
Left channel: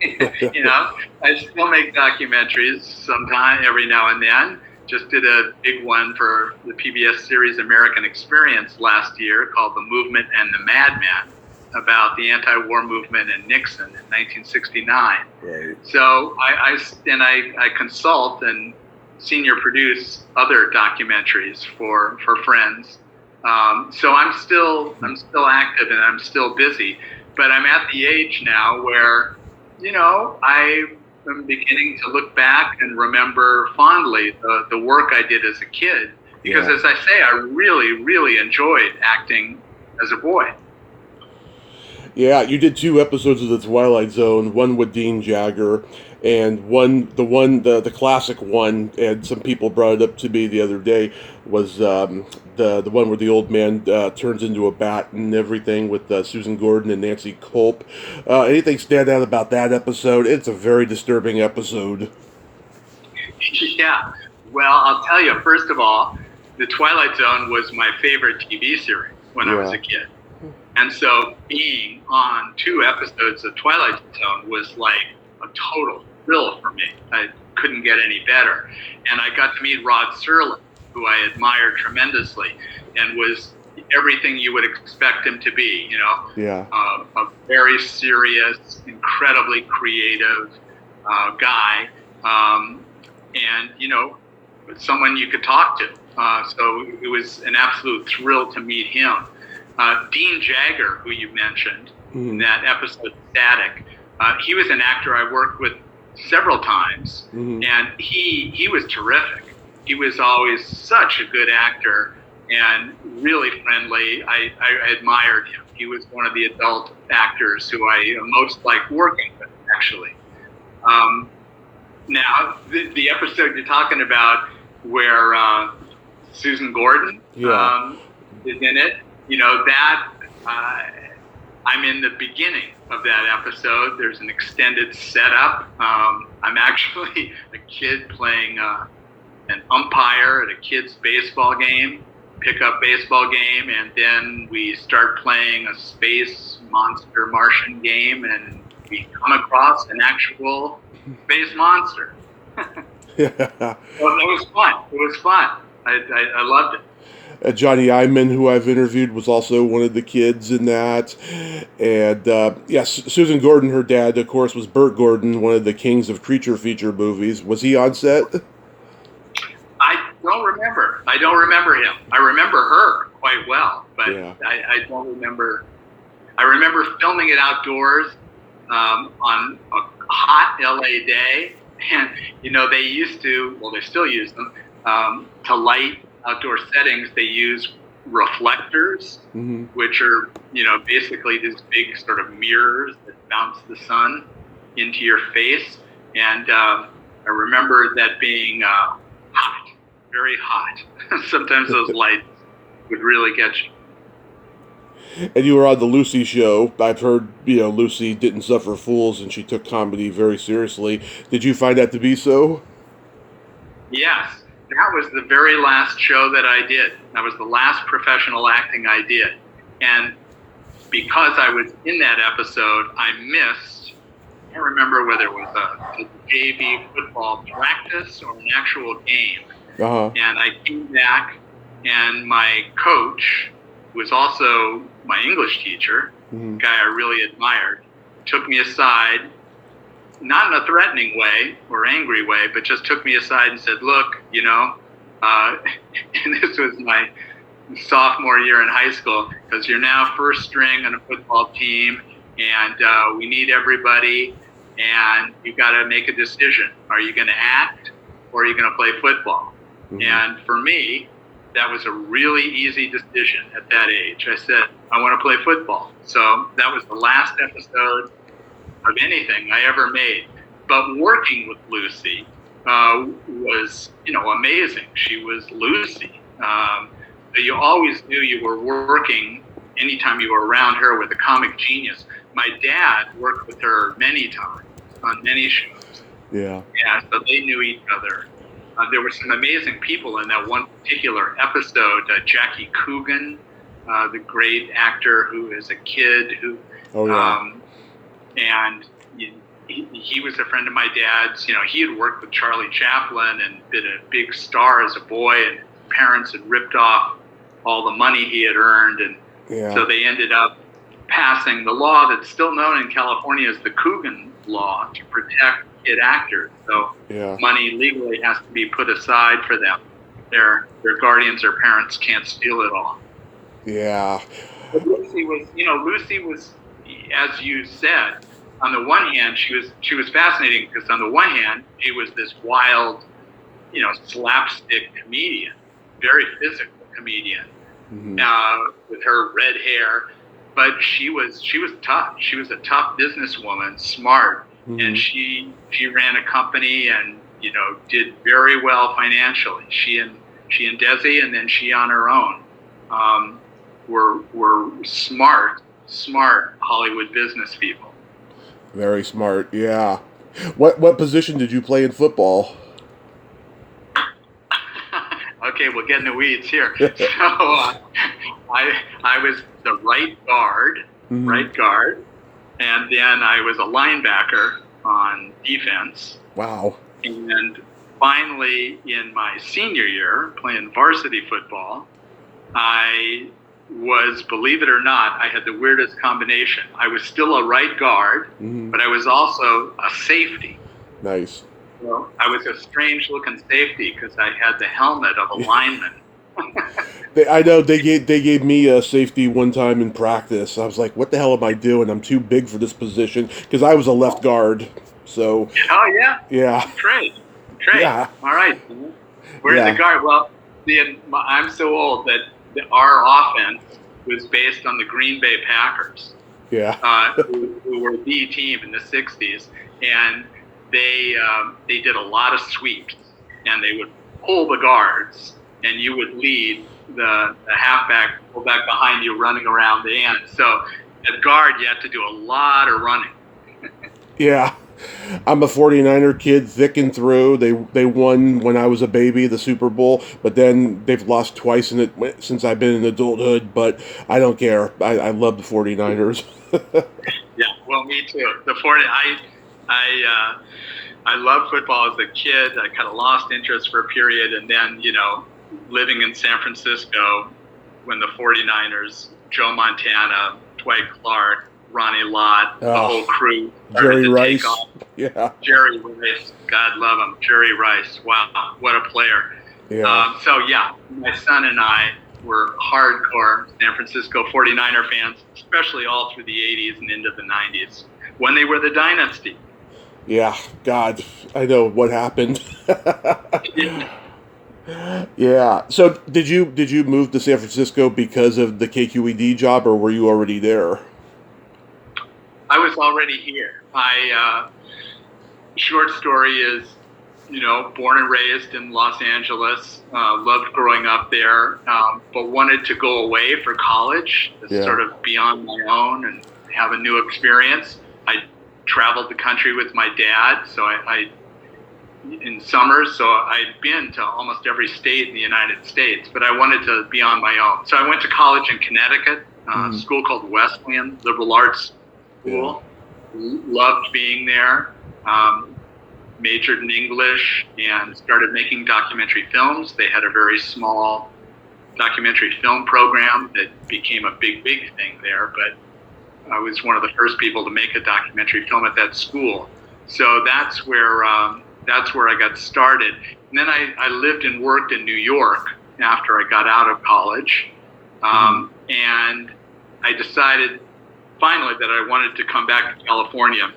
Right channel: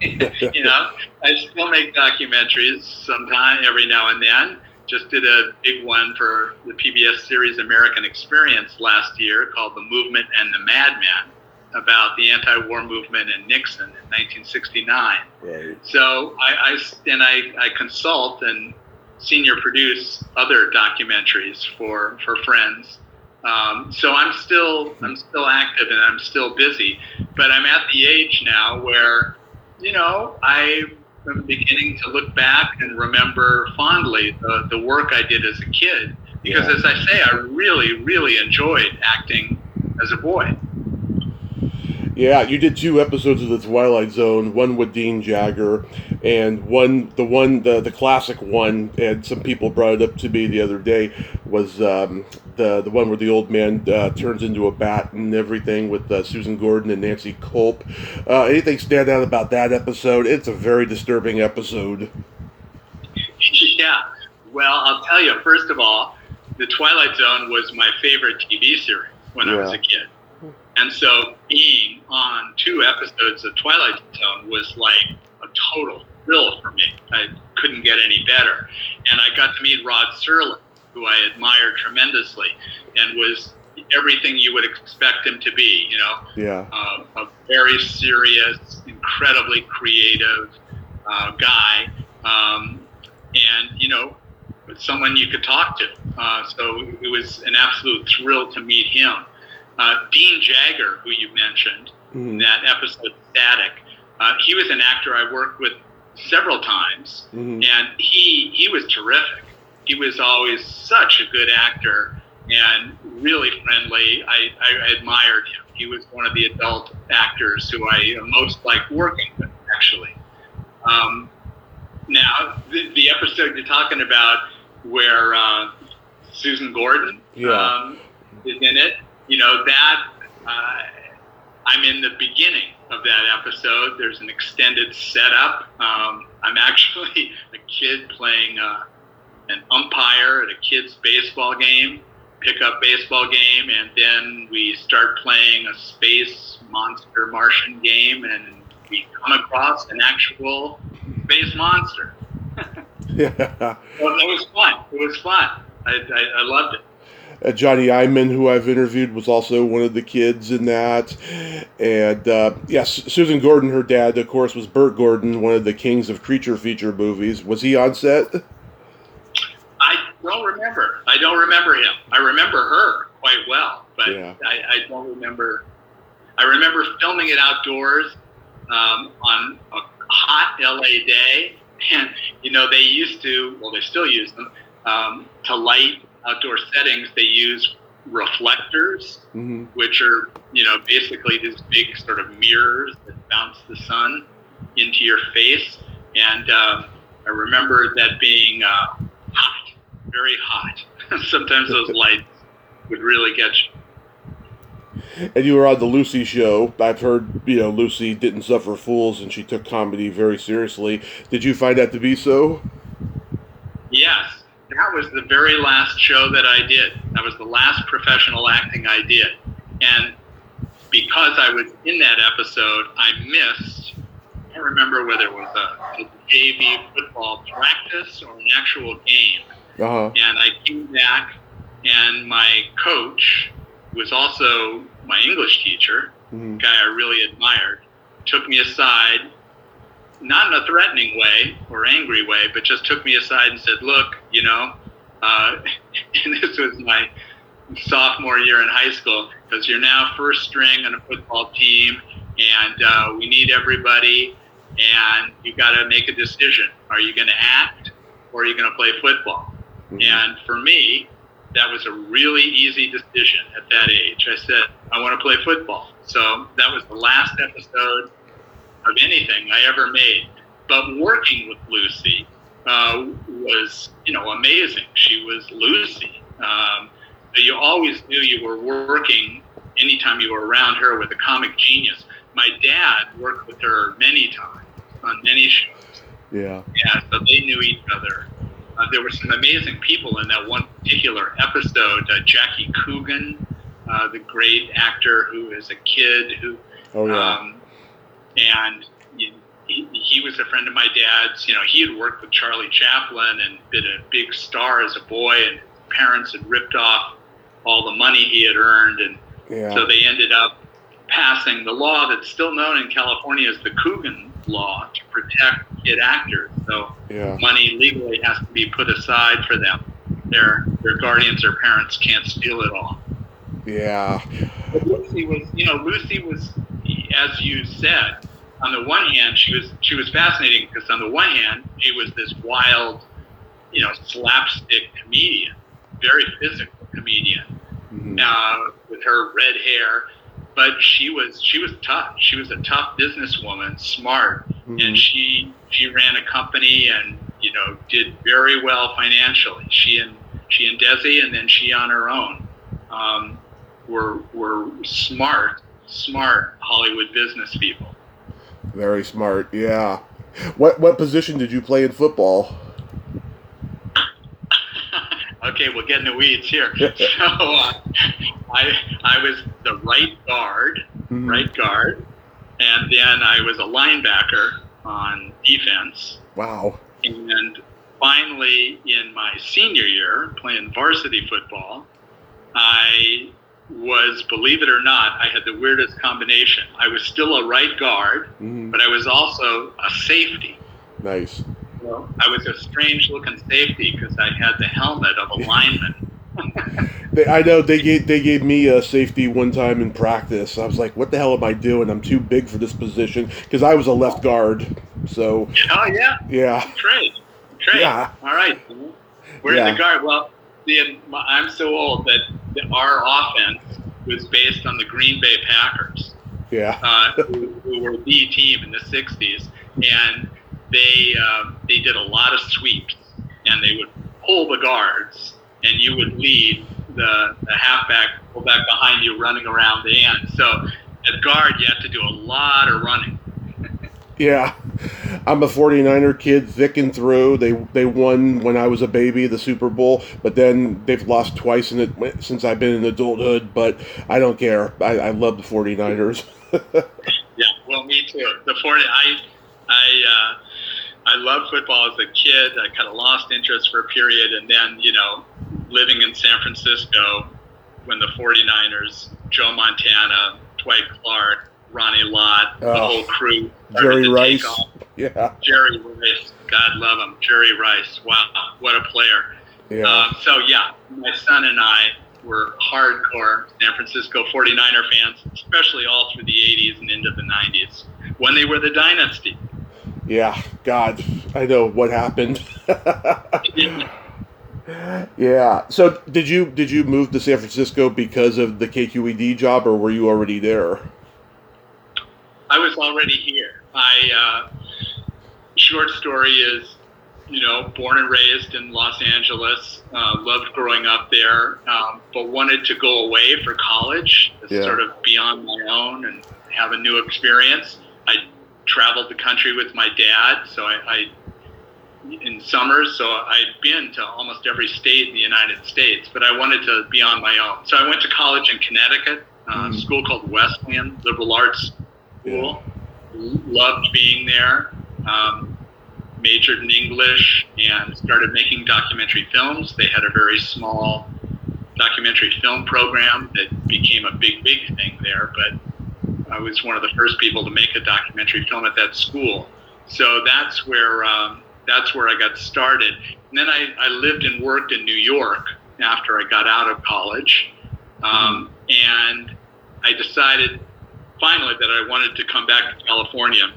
I still make documentaries sometime, every now and then. Just did a big one for the PBS series American Experience last year called The Movement and the Madman, about the anti-war movement and Nixon in 1969. Right. So I consult and senior produce other documentaries for friends. So I'm still active and I'm still busy, but I'm at the age now where, I am beginning to look back and remember fondly the work I did as a kid, because as I say, I really, really enjoyed acting as a boy. Yeah, you did 2 episodes of the Twilight Zone, one with Dean Jagger, and the classic one, and some people brought it up to me the other day, was the one where the old man turns into a bat and everything, with Susan Gordon and Nancy Culp. Anything stand out about that episode? It's a very disturbing episode. Yeah, well, I'll tell you, first of all, the Twilight Zone was my favorite TV series when I was a kid. And so being on 2 episodes of Twilight Zone was like a total thrill for me. I couldn't get any better. And I got to meet Rod Serling, who I admired tremendously, and was everything you would expect him to be, a very serious, incredibly creative guy, and, someone you could talk to. So it was an absolute thrill to meet him. Dean Jagger, who you mentioned in that episode, Static, he was an actor I worked with several times, and he was terrific. He was always such a good actor and really friendly. I admired him. He was one of the adult actors who I most liked working with, actually. Now, the episode you're talking about where Susan Gordon is in it, I'm in the beginning of that episode. There's an extended setup. I'm actually a kid playing an umpire at a kid's baseball game, pickup baseball game, and then we start playing a space monster Martian game, and we come across an actual space monster. Well, it was fun. It was fun. I loved it. Johnny Iman, who I've interviewed, was also one of the kids in that. And, Susan Gordon, her dad, of course, was Burt Gordon, one of the kings of creature feature movies. Was he on set? I don't remember. I don't remember him. I remember her quite well, but I don't remember. I remember filming it outdoors on a hot LA day. And, they used to, well, they still use them, to light outdoor settings. They use reflectors, which are, basically these big sort of mirrors that bounce the sun into your face. And I remember that being hot, very hot. Sometimes those lights would really get you. And you were on the Lucy show. I've heard, Lucy didn't suffer fools and she took comedy very seriously. Did you find that to be so? Yes. That was the very last show that I did. That was the last professional acting I did. And because I was in that episode, I missed, I can't remember whether it was a JV football practice or an actual game. And I came back, and my coach, who was also my English teacher, a guy I really admired, took me aside not in a threatening way or angry way, but just took me aside and said, look, and this was my sophomore year in high school, because you're now first string on a football team, and we need everybody, and you got to make a decision. Are you going to act, or are you going to play football? Mm-hmm. And for me, that was a really easy decision at that age. I said, I want to play football. So that was the last episode of anything I ever made. But working with Lucy was, amazing. She was Lucy. But you always knew you were working anytime you were around her with a comic genius. My dad worked with her many times on many shows. Yeah. Yeah, so they knew each other. There were some amazing people in that one particular episode. Jackie Coogan, the great actor who is a kid who, and he was a friend of my dad's. He had worked with Charlie Chaplin and been a big star as a boy, and parents had ripped off all the money he had earned, and so they ended up passing the law that's still known in California as the Coogan law to protect kid actors. So money legally has to be put aside for them. Their guardians or parents can't steal it all. Yeah. But Lucy was, as you said, on the one hand, she was fascinating because on the one hand, she was this wild, slapstick comedian, very physical comedian, with her red hair. But she was tough. She was a tough businesswoman, smart, and she ran a company and did very well financially. She and Desi, and then she on her own, were smart Hollywood business people. Very smart, yeah. What position did you play in football? Okay, we'll get in the weeds here. So I was the right guard, and then I was a linebacker on defense. Wow. And finally, in my senior year, playing varsity football, I was, believe it or not, I had the weirdest combination. I was still a right guard, but I was also a safety. Nice. Well, I was a strange-looking safety because I had the helmet of a lineman. I know they gave me a safety one time in practice. I was like, "What the hell am I doing? I'm too big for this position," because I was a left guard. So. Oh yeah. Yeah. Trade. Yeah. All right. Where's the guard? Well, I'm so old that our offense was based on the Green Bay Packers. Yeah. Who were the team in the '60s, and they did a lot of sweeps, and they would pull the guards, and you would lead the halfback, fullback behind you, running around the end. So as guard, you have to do a lot of running. Yeah. I'm a 49er kid, thick and through. They won when I was a baby, the Super Bowl, but then they've lost twice in it since I've been in adulthood, but I don't care. I love the 49ers. Yeah, well, me too. I loved football as a kid. I kind of lost interest for a period, and then, living in San Francisco when the 49ers, Joe Montana, Dwight Clark, Ronnie Lott, the whole crew. Jerry Rice. Yeah. Jerry Rice. God love him. Jerry Rice. Wow. What a player. Yeah. My son and I were hardcore San Francisco 49er fans, especially all through the 80s and into the 90s when they were the dynasty. Yeah. God, I know what happened. Yeah. So did you move to San Francisco because of the KQED job, or were you already there? I was already here. Short story is, born and raised in Los Angeles, loved growing up there, but wanted to go away for college, sort of be on my own and have a new experience. I traveled the country with my dad, so I in summers, so I'd been to almost every state in the United States, but I wanted to be on my own. So I went to college in Connecticut, a school called Wesleyan, liberal arts school. Loved being there. Majored in English and started making documentary films. They had a very small documentary film program that became a big thing there, but I was one of the first people to make a documentary film at that school. So that's where I got started. And then I lived and worked in New York after I got out of college, and I decided finally that I wanted to come back to California.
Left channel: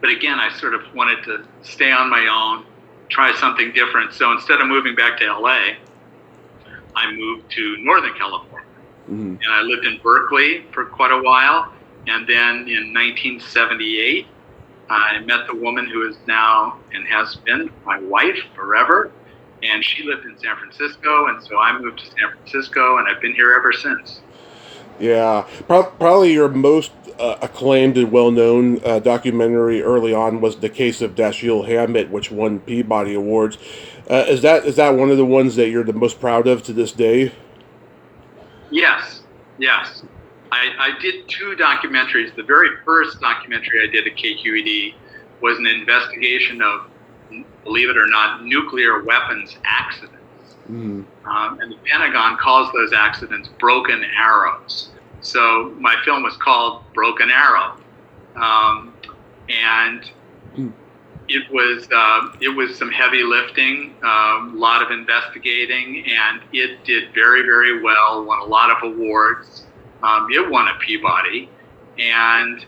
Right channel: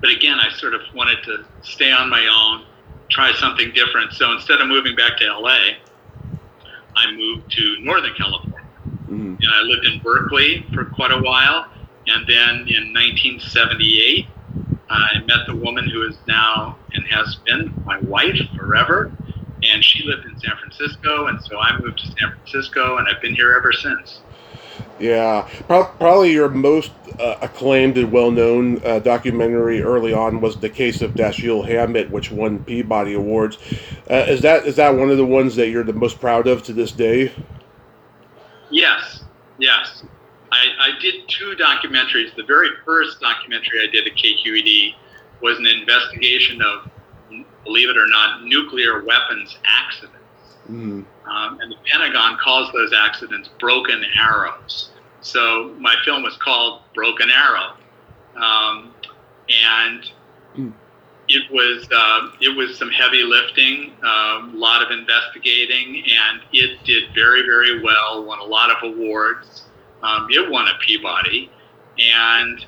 But again, I sort of wanted to stay on my own, try something different. So instead of moving back to LA, I moved to Northern California. And I lived in Berkeley for quite a while. And then in 1978, I met the woman who is now and has been my wife forever. And she lived in San Francisco. And so I moved to San Francisco, and I've been here ever since. Yeah, probably your most acclaimed and well-known documentary early on was The Case of Dashiell Hammett, which won Peabody Awards. Is that one of the ones that you're the most proud of to this day? Yes. I did two documentaries. The very first documentary I did at KQED was an investigation of, believe it or not, nuclear weapons accidents. And the Pentagon calls those accidents broken arrows. So my film was called Broken Arrow, and it was some heavy lifting, a lot of investigating, and it did very, very well. Won a lot of awards. It won a Peabody, and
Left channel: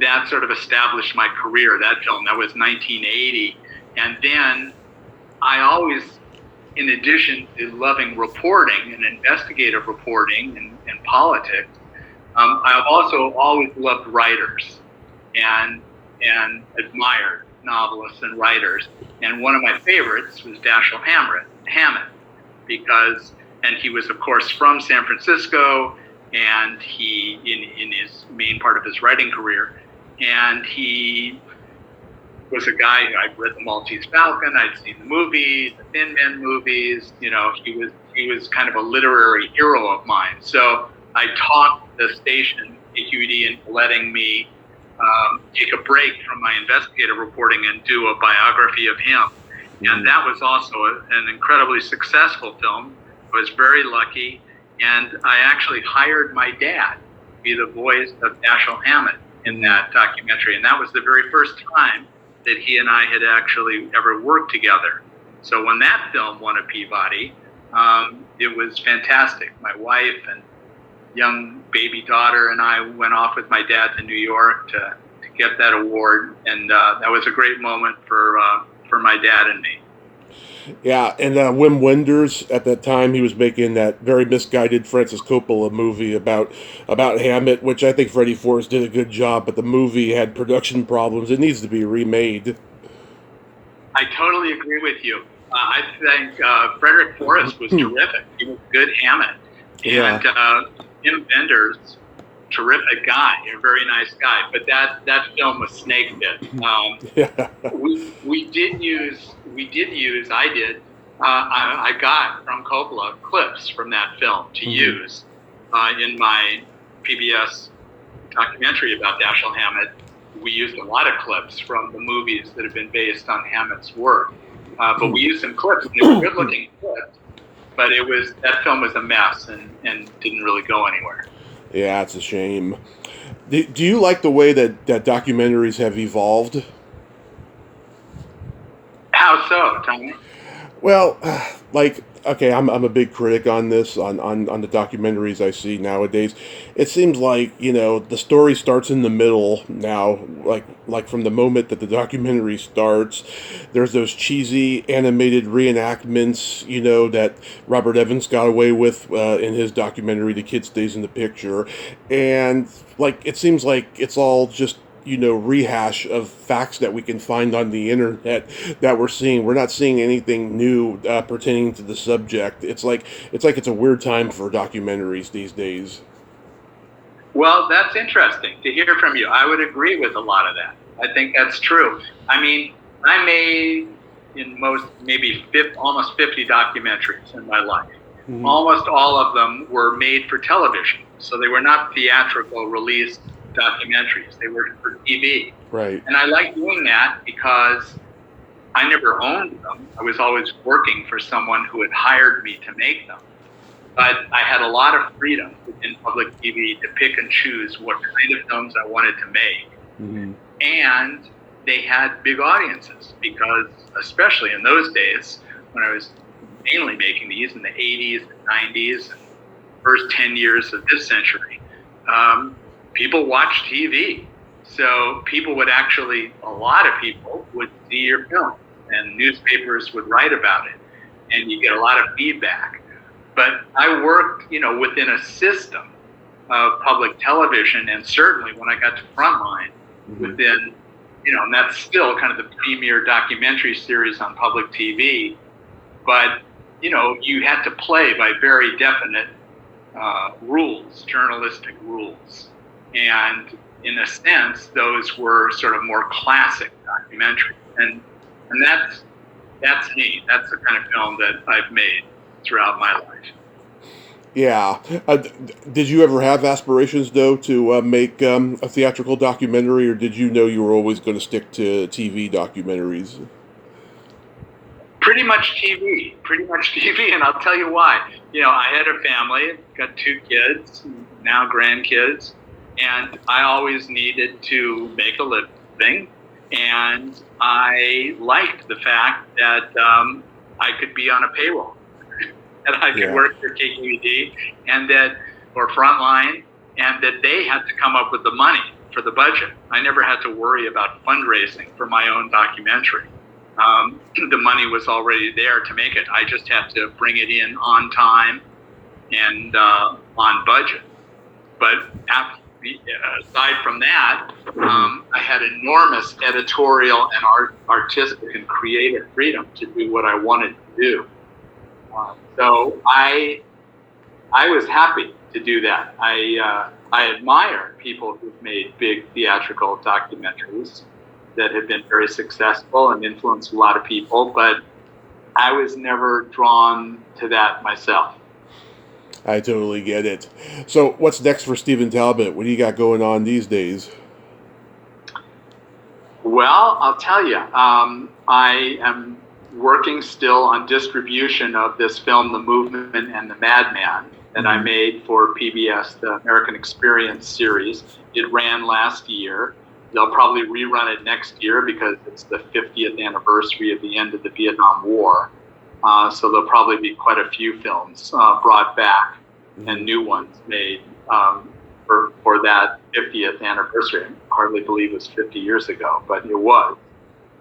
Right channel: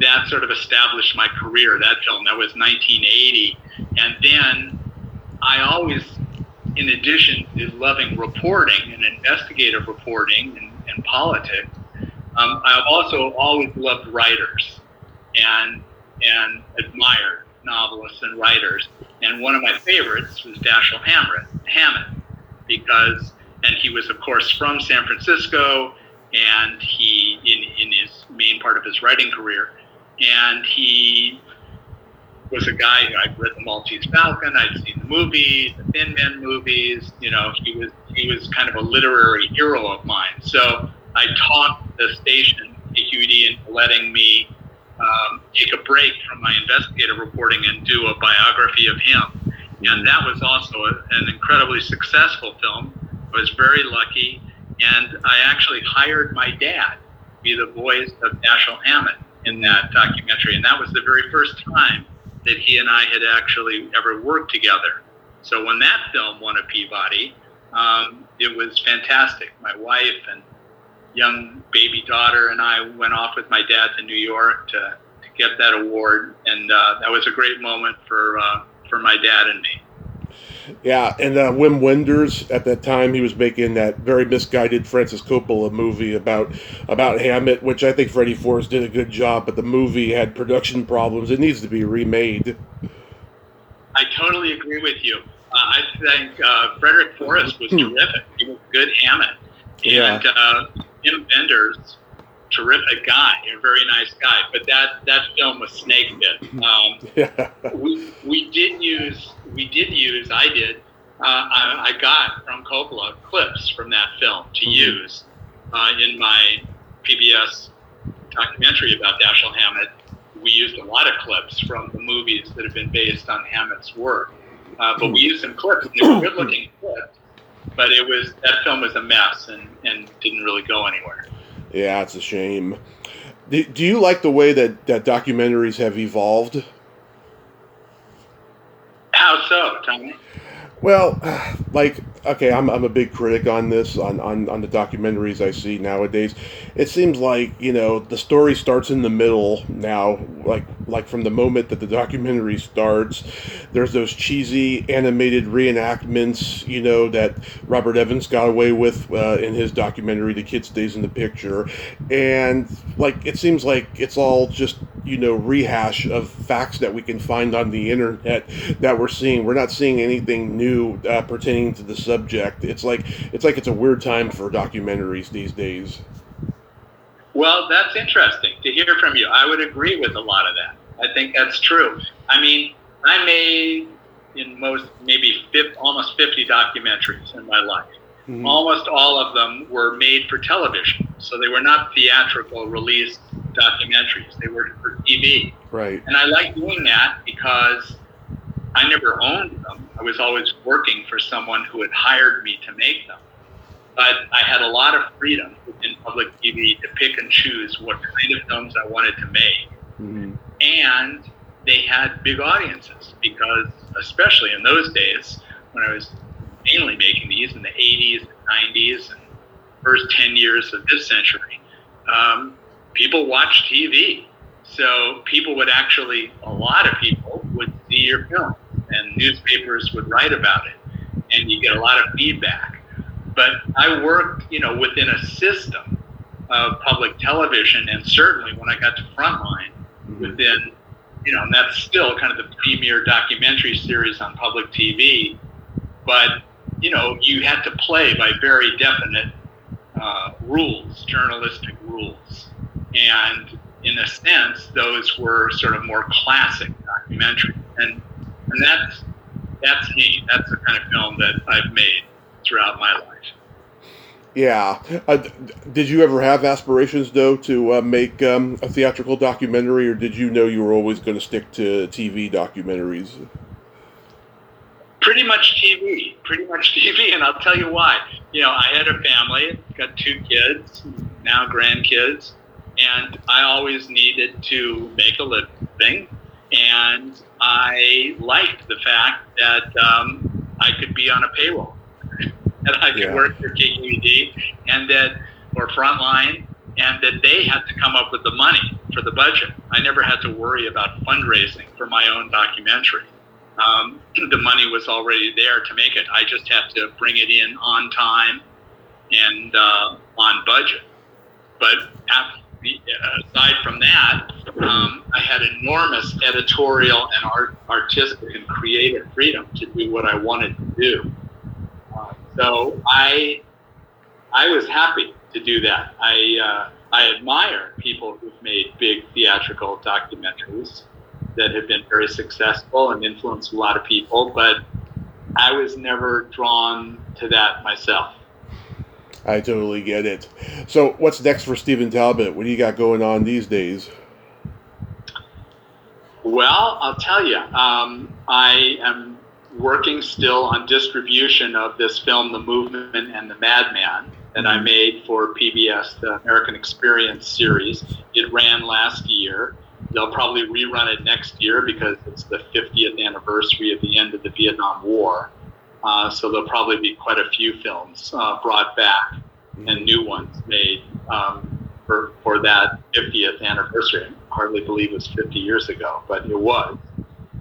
that sort of established my career. That film, that was 1980, and then I always, in addition to loving reporting and investigative reporting and politics, I've also always loved writers and admired novelists and writers. And one of my favorites was Dashiell Hammett, because he was, of course, from San Francisco, and he, in his main part of his writing career, and he was a guy who I'd read The Maltese Falcon, I'd seen the movie, the Thin Men movies. You know, he was kind of a literary hero of mine. So I talked the station, KQED, into letting me take a break from my investigative reporting and do a biography of him. And that was also an incredibly successful film. I was very lucky, and I actually hired my dad to be the voice of Dashiell Hammett in that documentary, and that was the very first time that he and I had actually ever worked together. So when that film won a Peabody, it was fantastic. My wife and young baby daughter and I went off with my dad to New York to get that award, and that was a great moment for my dad and me. Yeah, and Wim Wenders, at that time, he was making that very misguided Francis Coppola movie about Hammett, which I think Freddie Forrest did a good job, but the movie had production problems. It needs to be remade. I totally agree with you. I think Frederick Forrest was terrific. He was a good Hammett. And Wim Wenders, terrific guy, a very nice guy. But that film was snake bit. I got from Coppola clips from that film to use in my PBS documentary about Dashiell Hammett. We used a lot of clips from the movies that have been based on Hammett's work. But we used some clips, and they were good-looking clips. But that film was a mess and didn't really go anywhere. Yeah, it's a shame. Do you like the way that documentaries have evolved? How so, Tommy? Well, okay, I'm a big critic on this, on the documentaries I see nowadays. It seems like, the story starts in the middle now, like from the moment that the documentary starts. There's those cheesy animated reenactments, that Robert Evans got away with in his documentary, The Kid Stays in the Picture. And, it seems like it's all just, rehash of facts that we can find on the internet that we're seeing. We're not seeing anything new pertaining to the subject. It's like it's a weird time for documentaries these days. Well, that's interesting to hear from you. I would agree with a lot of that. I think that's true. I mean, I made almost 50 documentaries in my life. Mm-hmm. Almost all of them were made for television, so they were not theatrical release documentaries. They were for TV. Right. And I like doing that because I never owned them. I was always working for someone who had hired me to make them. But I had a lot of freedom in public TV to pick and choose what kind of films I wanted to make. Mm-hmm. And they had big audiences because, especially in those days, when I was mainly making these in the 80s and 90s, and first 10 years of this century, people watched TV. So people would actually, a lot of people would see your film, and newspapers would write about it, and you get a lot of feedback. But I worked, within a system of public television, and certainly when I got to Frontline, within, and that's still kind of the premier documentary series on public TV. But, you had to play by very definite rules, journalistic rules. And in a sense, those were sort of more classic documentary. And that's me. That's the kind of film that I've made throughout my life. Yeah. Did you ever have aspirations, though, to make a theatrical documentary, or did you know you were always going to stick to TV documentaries? Pretty much TV, and I'll tell you why. I had a family, got 2 kids, now grandkids, and I always needed to make a living, and I liked the fact that I could be on a payroll, that I could work for KQED or Frontline, and that they had to come up with the money for the budget. I never had to worry about fundraising for my own documentary. The money was already there to make it. I just had to bring it in on time and on budget. But aside from that, I had enormous editorial and artistic and creative freedom to do what I wanted to do. So I was happy to do that. I admire people who've made big theatrical documentaries that have been very successful and influenced a lot of people, but I was never drawn to that myself. I totally get it. So what's next for Stephen Talbot? What do you got going on these days? Well, I'll tell you, I am working still on distribution of this film, The Movement and the Madman, that I made for PBS, the American Experience series. It ran last year. They'll probably rerun it next year because it's the 50th anniversary of the end of the Vietnam War. So there'll probably be quite a few films brought back and new ones made for that 50th anniversary. I hardly believe it was 50 years ago, but it was.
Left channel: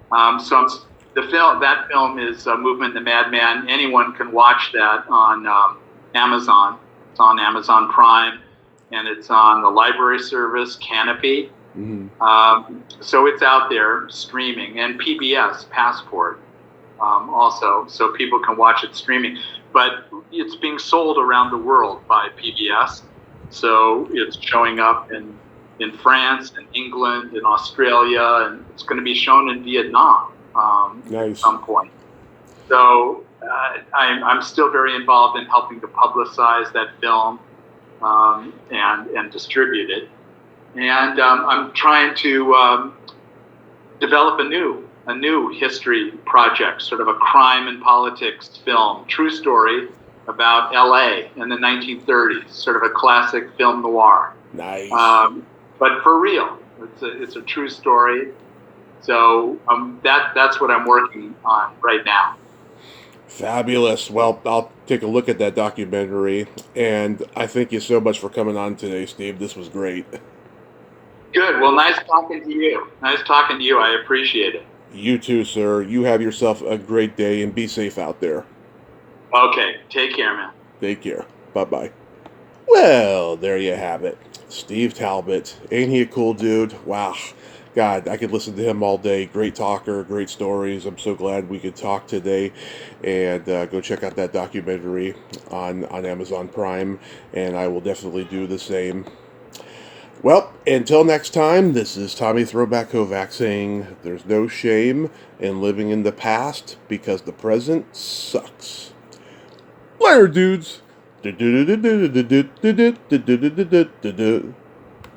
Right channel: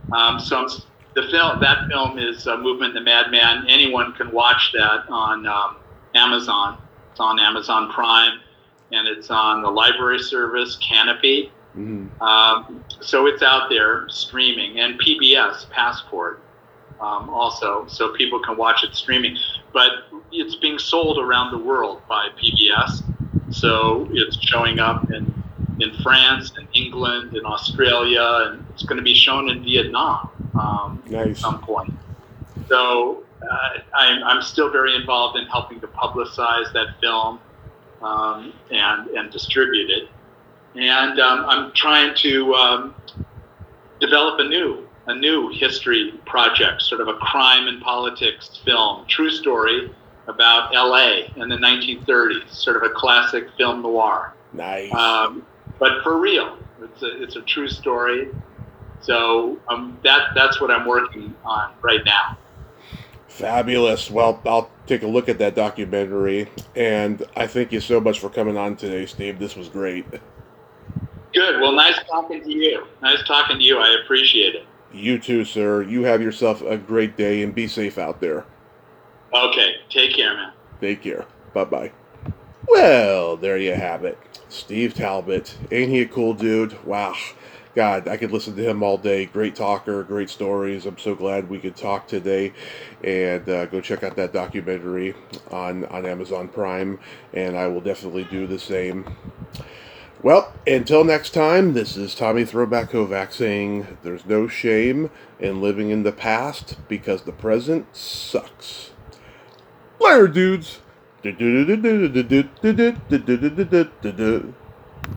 That film is Movement and the Madman. Anyone can watch that on Amazon. It's on Amazon Prime, and it's on the library service Canopy. So it's out there streaming, and PBS Passport also, so people can watch it streaming. But it's being sold around the world by PBS, so it's showing up in France and England and Australia, and it's going to be shown in Vietnam at some point. So I'm still very involved in helping to publicize that film and distribute it. And I'm trying to develop a new history project, sort of a crime and politics film, true story about LA in the 1930s, sort of a classic film noir. Nice. But for real, it's a true story. So that's what I'm working on right now. Fabulous. Well, I'll take a look at that documentary, and I thank you so much for coming on today, Steve. This was great. Good. Well, nice talking to you. I appreciate it. You too, sir. You have yourself a great day, and be safe out there. Okay. Take care, man. Take care. Bye-bye. Well, there you have it. Steve Talbot. Ain't he a cool dude? Wow. God, I could listen to him all day. Great talker, great stories. I'm so glad we could talk today. And go check out that documentary on Amazon Prime, and I will definitely do the same. Well, until next time, this is Tommy Throwback Kovac saying there's no shame in living in the past because the present sucks. Later, dudes.